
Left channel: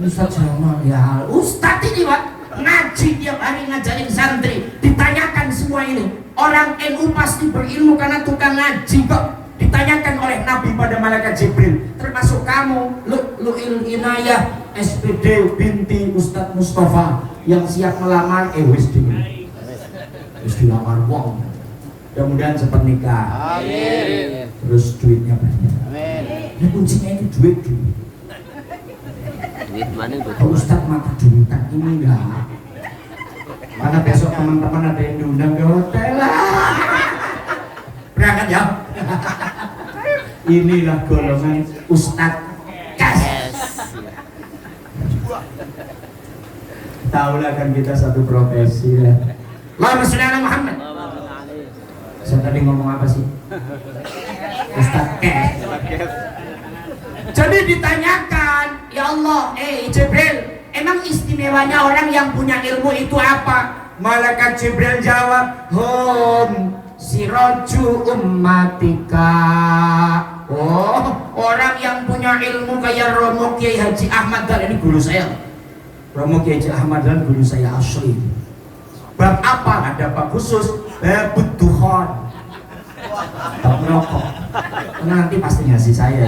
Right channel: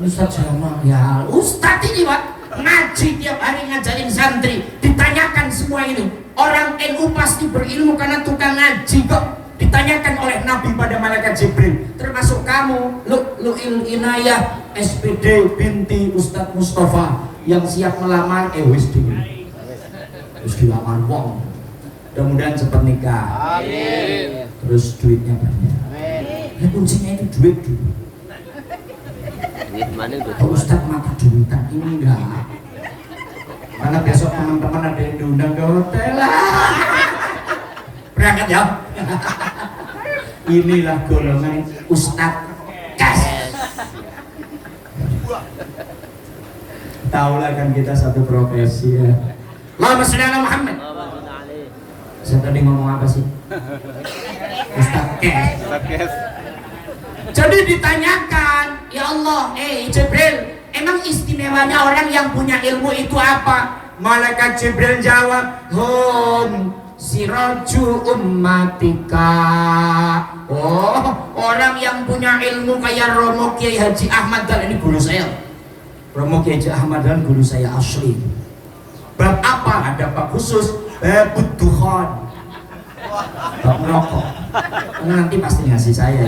Ustadz Jamal ya, Ustadz ini Pak ngaji tiap hari ngajarin santri, ditanyakan semua ini. Orang NU pasti berilmu karena tukang ngaji kok. Ditanyakan oleh Nabi pada malaikat Jibril, termasuk kamu, Lu'il Inayah SPD binti Ustadz Mustafa yang siap melamar wis dilamar wong. Mudah-mudahan cepat nikah. Amin. Terus duitnya banyak. Amin. Ini kuncinya itu duit. Duit mana duit Pak Ustadz mata duitan ini enggak. Karena besok teman-teman ada yang diundang ke hotel lah. Berangkat ya. Inilah golongan Ustadz Kas. Tahulah kan kita satu profesi ya. Allahumma sholli ala Muhammad. Saya tadi ngomong apa sih? Ustadz Kes. Jadi ditanyakan, ya Allah, Jibril, emang istimewanya orang yang punya ilmu itu apa? Malaikat Jibril jawab, hum siraju ummatika. Oh, orang yang punya ilmu kayak Romo Kiai Haji Ahmad Dahlan, ini guru saya. Romo Kiai Haji Ahmad Dahlan guru saya asli. Bab apa? Ada bab khusus, bab dukhon. Bab merokok. Nanti pasti ngasih saya.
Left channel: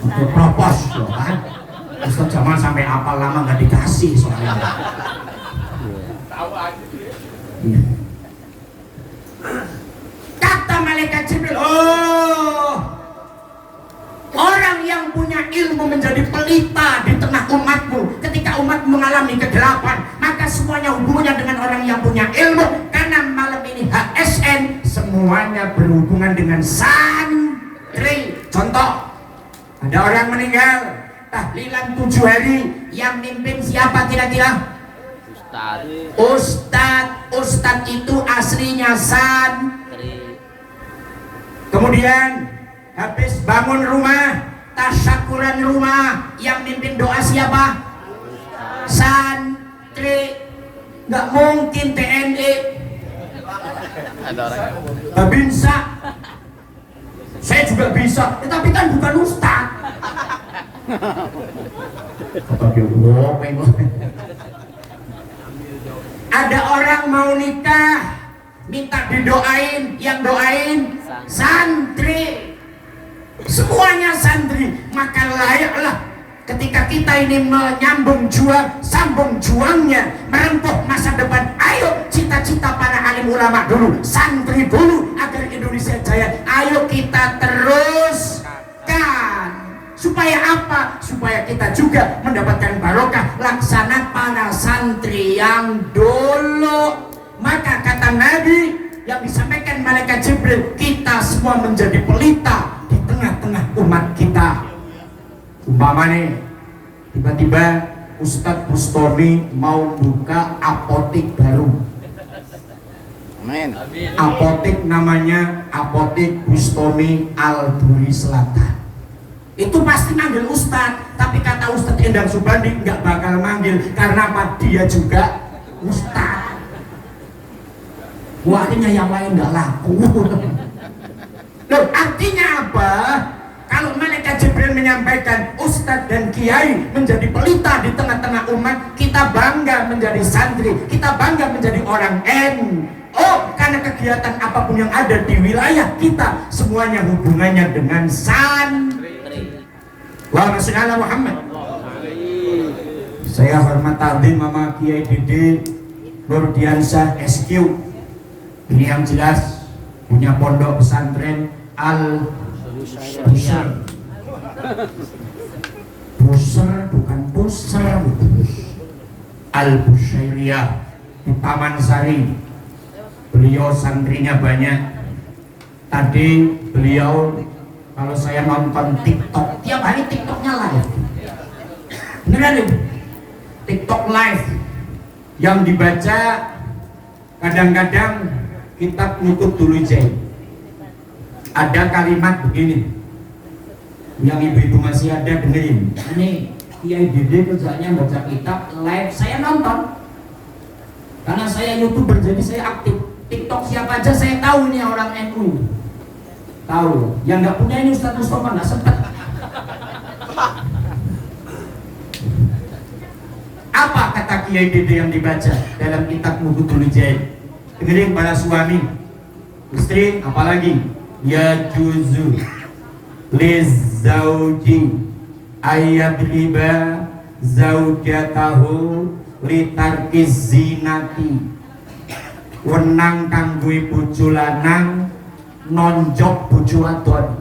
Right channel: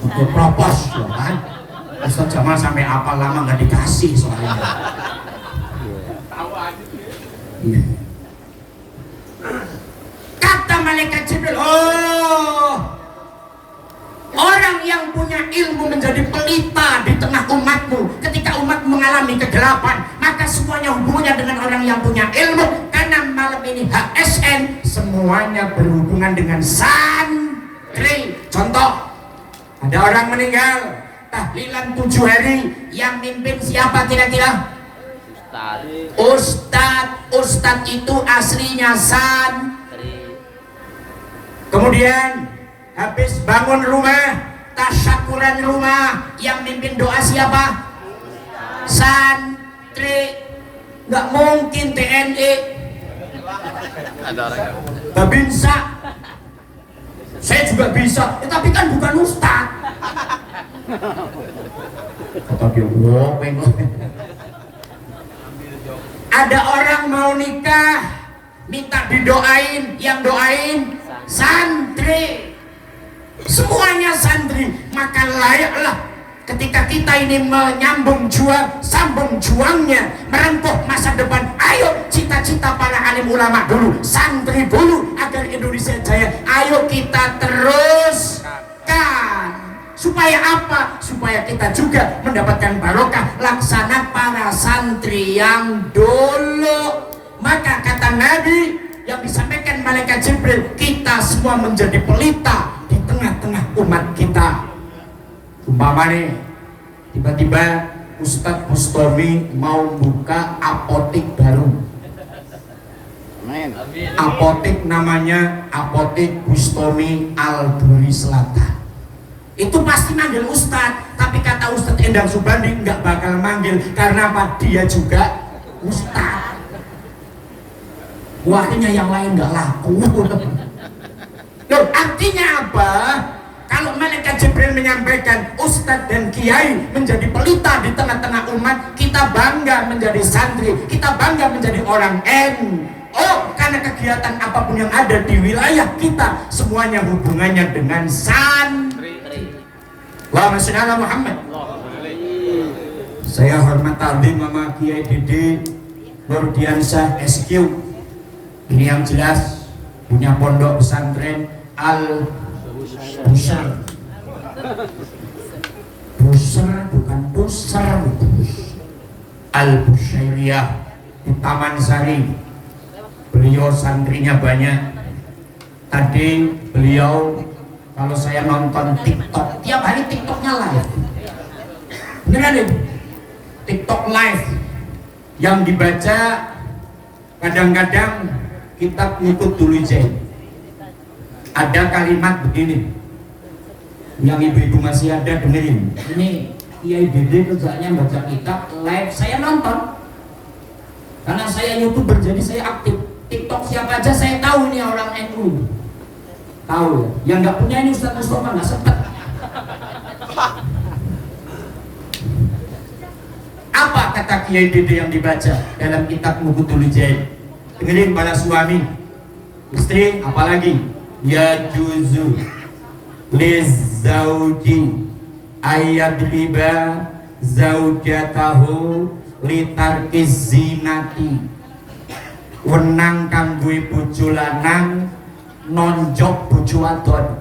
Oke, propos ya kan. Ustadz Jamal sampai apa lama nggak dikasih soalnya. Iya. Kata malaikat Jibril, oh, orang yang punya ilmu menjadi pelita di tengah umatmu. Ketika umat mengalami kegelapan, maka semuanya hubungannya dengan orang yang punya ilmu. Karena malam ini HSN semuanya berhubungan dengan santri. Contoh, ada orang meninggal, tahlilan 7 hari, yang mimpin siapa kira-kira? Ustadz itu aslinya santri. Kemudian habis bangun rumah, tasyakuran rumah, yang mimpin doa siapa? Santri. Nggak mungkin TNI. Ada orang. Nggak bisa. Saya juga bisa, tapi kan bukan ustaz. Oke, ada orang mau nikah, minta didoain, yang doain santri. Semuanya santri, maka layaklah ketika kita ini menyambung juang, sambung juangnya, merempuh masa depan. Ayo cita-cita para alim ulama dulu, santri dulu agar Indonesia jaya. Ayo kita teruskan. Supaya apa? Supaya kita juga mendapatkan barokah laksana para santri yang dulu. Maka kata Nabi yang disampaikan malaikat Jibril, kita semua menjadi pelita di tengah-tengah umat kita. Umpama nih, tiba-tiba Ustadz Bustomi mau buka apotik baru. Amin. Apotik namanya Apotik Bustomi Al-Duri Selatan. Itu pasti manggil Ustadz, tapi kata Ustadz Endang Subandi nggak bakal manggil karena apa? Dia juga Ustadz. Artinya yang lain nggak laku. Loh, artinya apa? Kalau malaikat Jibril menyampaikan Ustadz dan Kiai menjadi pelita di tengah-tengah umat, kita bangga menjadi santri, kita bangga menjadi orang NU, karena kegiatan apapun yang ada di wilayah kita semuanya hubungannya dengan santri. Allahumma sholli ala Muhammad. Saya hormat takdim Mama Kiai Dede Nurdiansyah SQ. Ini yang jelas punya pondok pesantren Al-Busar. Busar bukan pusar. Al-Busairiyah di Taman Sari. Beliau santrinya banyak. Tadi beliau kalau saya nonton TikTok, tiap hari TikToknya live. Beneran nih? TikTok live yang dibaca kadang-kadang kitab ngikut dulu Jai. Ada kalimat begini yang ibu-ibu masih ada dengerin. Ini Kiai Dede kerjanya baca kitab live, saya nonton karena saya YouTuber jadi saya aktif. TikTok siapa aja saya tahu nih orang NU, tahu. Yang nggak punya ini Ustadz Mustafa nggak sempat. Apa kata Kiai Dede yang dibaca dalam kitab Mughudul Jai? Dengerin para suami, istri, apalagi ya juzu lizauji ayadriba zaujatahu litarkiz zinati. Wenang kanggo bojo lanang nonjok bojo wadon.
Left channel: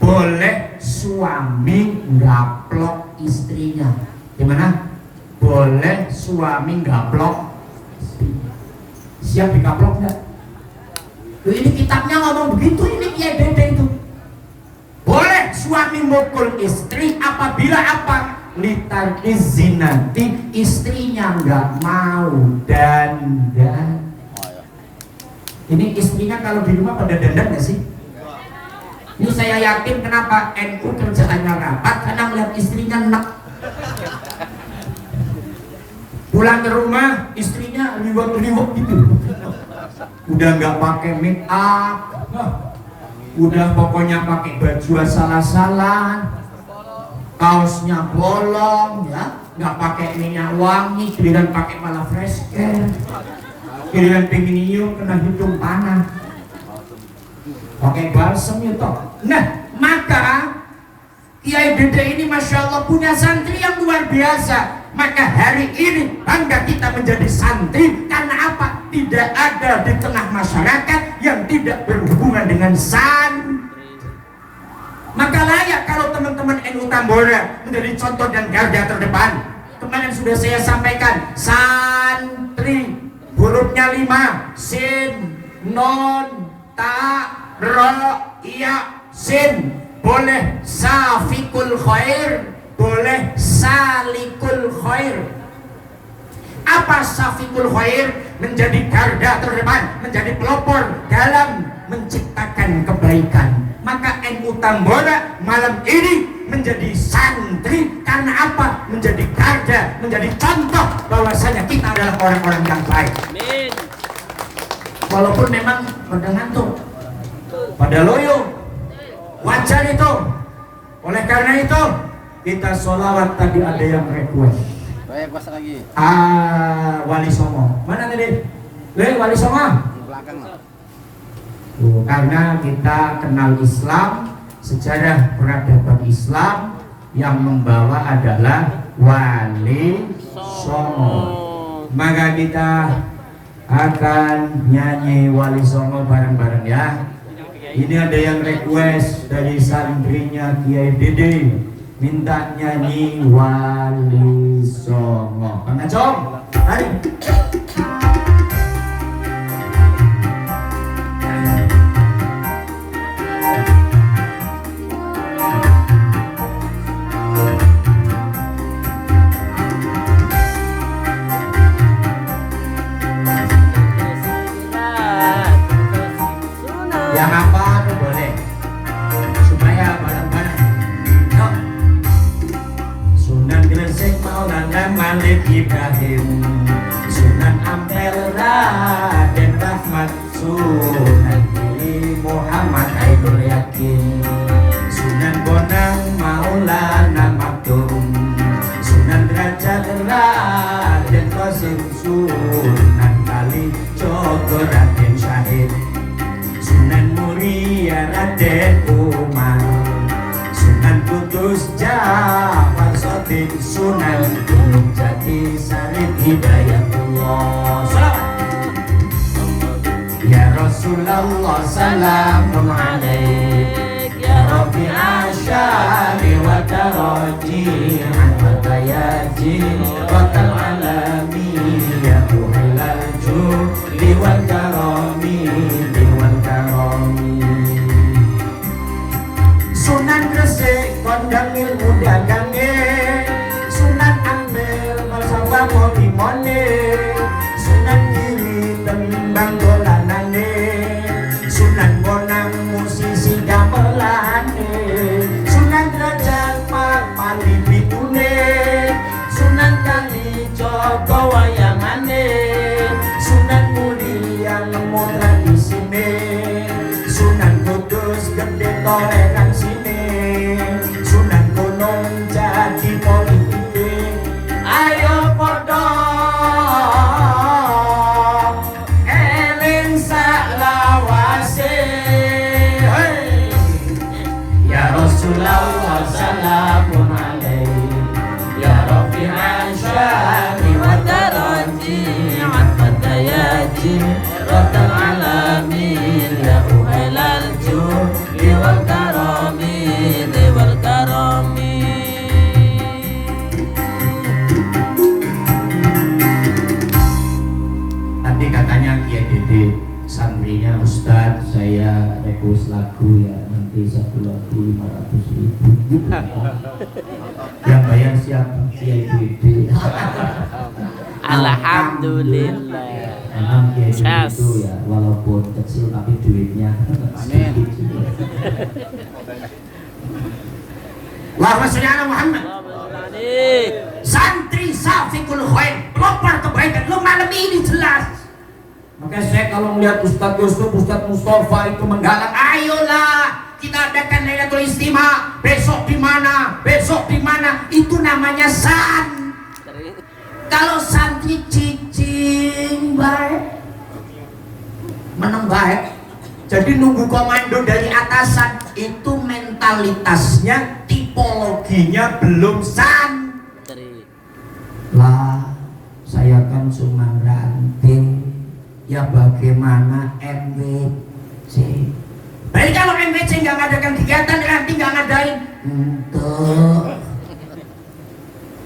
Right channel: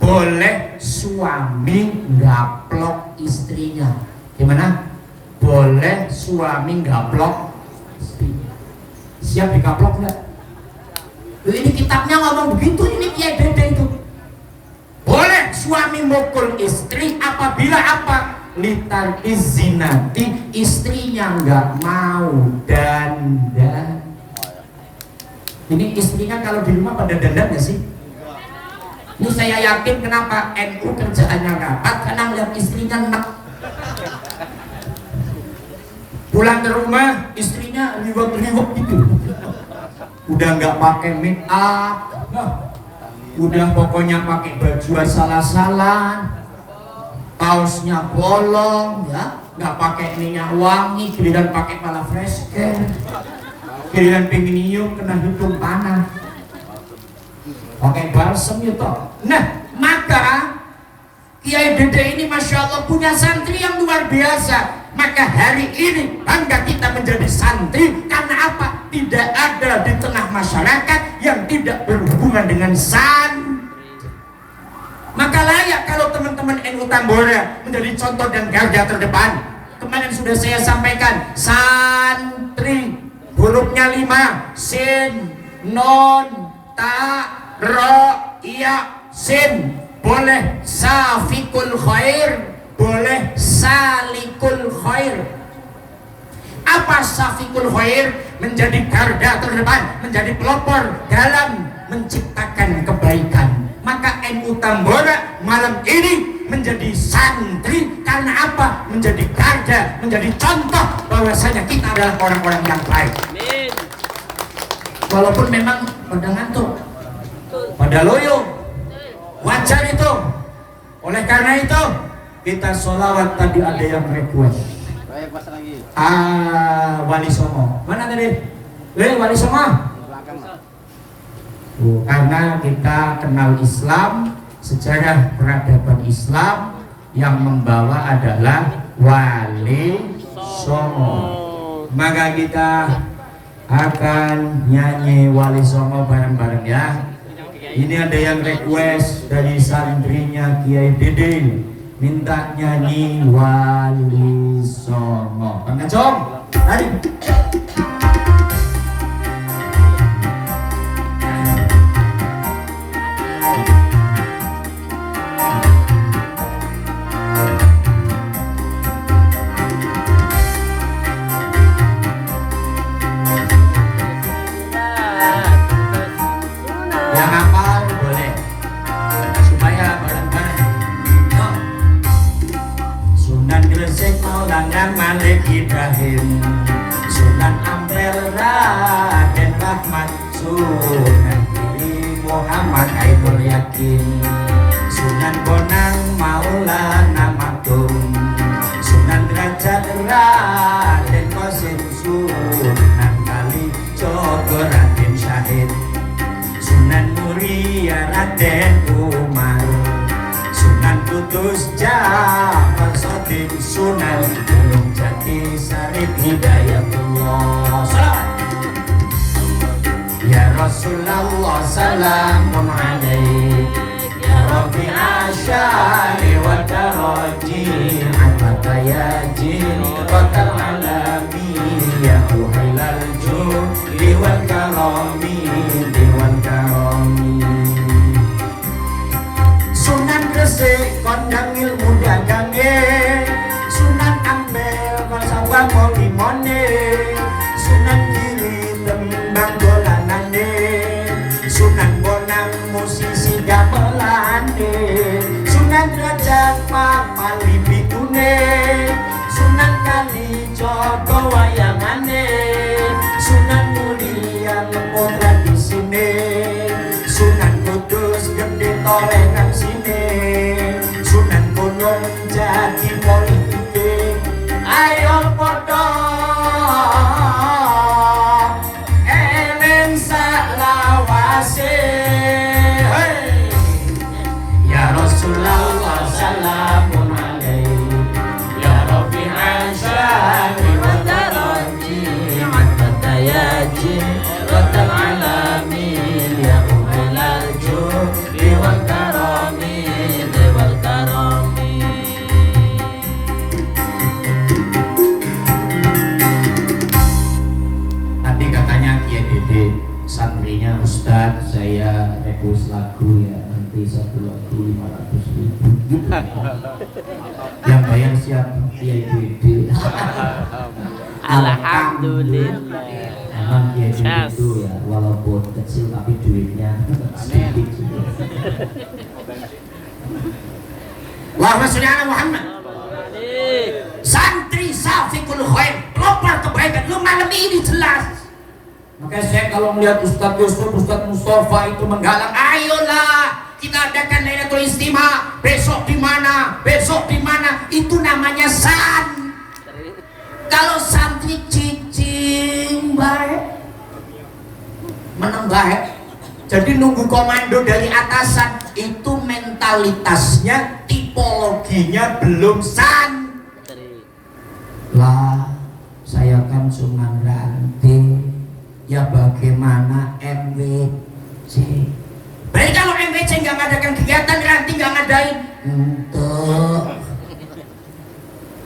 Boleh suami ngaplok istrinya. Gimana? Boleh suami ngaplok istrinya. Siap dikaplok enggak? Ini kitabnya ngomong begitu, ini Kiai Dede itu. Boleh suami mukul istri apabila apa? Litar izinati, istrinya nggak mau dandan. Ini istrinya kalau di rumah pada dandan nggak sih? Ini saya yakin kenapa NU kerjaannya rapat karena melihat istrinya enak. Pulang ke rumah istrinya liwat-liwat gitu. Udah nggak pakai make up, udah pokoknya pakai baju asal-asalan, kaosnya bolong, ya, nggak pakai minyak wangi, giliran pakai malah fresh care, giliran pengen nyium kena hidung panas, pakai balsem itu. Nah, maka Kiai Dede ini Masya Allah punya santri yang luar biasa. Maka hari ini bangga kita menjadi santri karena apa? Tidak ada di tengah masyarakat yang tidak berhubungan dengan santri. Maka layak kalau teman-teman NU Tambora menjadi contoh dan garda terdepan. Kemarin sudah saya sampaikan, santri hurufnya 5, sin, non, ta, ro, iya, sin. Boleh safikul khair, boleh salikul khair. Apa safikul khair? Menjadi garda terdepan, menjadi pelopor dalam menciptakan kebaikan. Maka NU Tambora malam ini menjadi santri karena apa? Menjadi garda, menjadi contoh bahwasanya kita adalah orang-orang yang baik. Amin. Walaupun memang pada ngantuk, pada loyo, wajar itu. Oleh karena itu kita sholawat. Tadi ada yang request. Baik, pas lagi. Wali Songo. Mana tadi? Wali Songo. Di belakang. Karena kita kenal Islam, sejarah peradaban Islam yang membawa adalah Wali Songo. Maka kita akan nyanyi Wali Songo bareng-bareng ya. Ini ada yang request dari santrinya Kiai Dede, minta nyanyi Wali Songo. Kang Acong, mari. Yang hafal boleh, supaya bareng-bareng. Yuk. Sunan Gresik Maulana Malik Ibrahim, Sunan Ampel Raden Rahmat, Sunan Giri Muhammad Aidul Yakin, Sunan Bonang Maulana Maktum, Sunan Derajat Raden Qasim, Sunan Kali Jogo Raden Syahid, Sunan Muria Raden Umar, Sunan Kudus Jafar Sotin, Sunan Gunung Jati Sarip Hidayatullah. Ya Rasulullah salamun alaik, Ya Rabbi asyari wa daraji, Ahmad yaji wa kal'alami, Ya Uhilal juli wal karami, Dewan karami. Sunan Gresik kondang ilmu dagange, Sunan Ampel masa bangun limone, Sunan Giri tembang dolanane, Sunan Bonang musisi gamelane, Sunan Derajat papali bikune, Sunan Kali Jogo wayangane, Sunan Mulia nemu tradisine, Sunan Kudus gede torekan sini, Sunan Gunung Jati politike. Ayo podo eling salawase, hey. Ya Rasulullah salamun alaik, Ya Rabbi asyari wa daraji, Ahmad yaji wa kal'alami, Ya Uhilal juli wal karami, Dewan karami. Tadi katanya Kiai Dede, santrinya Ustadz, saya request lagu ya, nanti satu lagu 500.000. Yang bayar siapa? Kiai Dede. Alhamdulillah. Memang Kiai Dede itu ya, walaupun kecil tapi duitnya sedikit. Allahumma sholli ala Muhammad. Santri Safikul Khair, pelopor kebaikan. Lu malam ini jelas. Makanya saya kalau melihat Ustadz Yusuf, Ustadz Mustafa itu menggalang, ayolah kita adakan Lailatul Istimewa. Besok di mana? Besok di mana? Itu namanya kalau santri cicing baik, meneng baik. Jadi nunggu komando dari atasan, itu mentalitasnya, tipologinya belum Lah, saya kan cuma ranting. Ya bagaimana MWC? Berarti kalau MWC nggak ngadakan kegiatan, ranting nggak ngadain. Untuk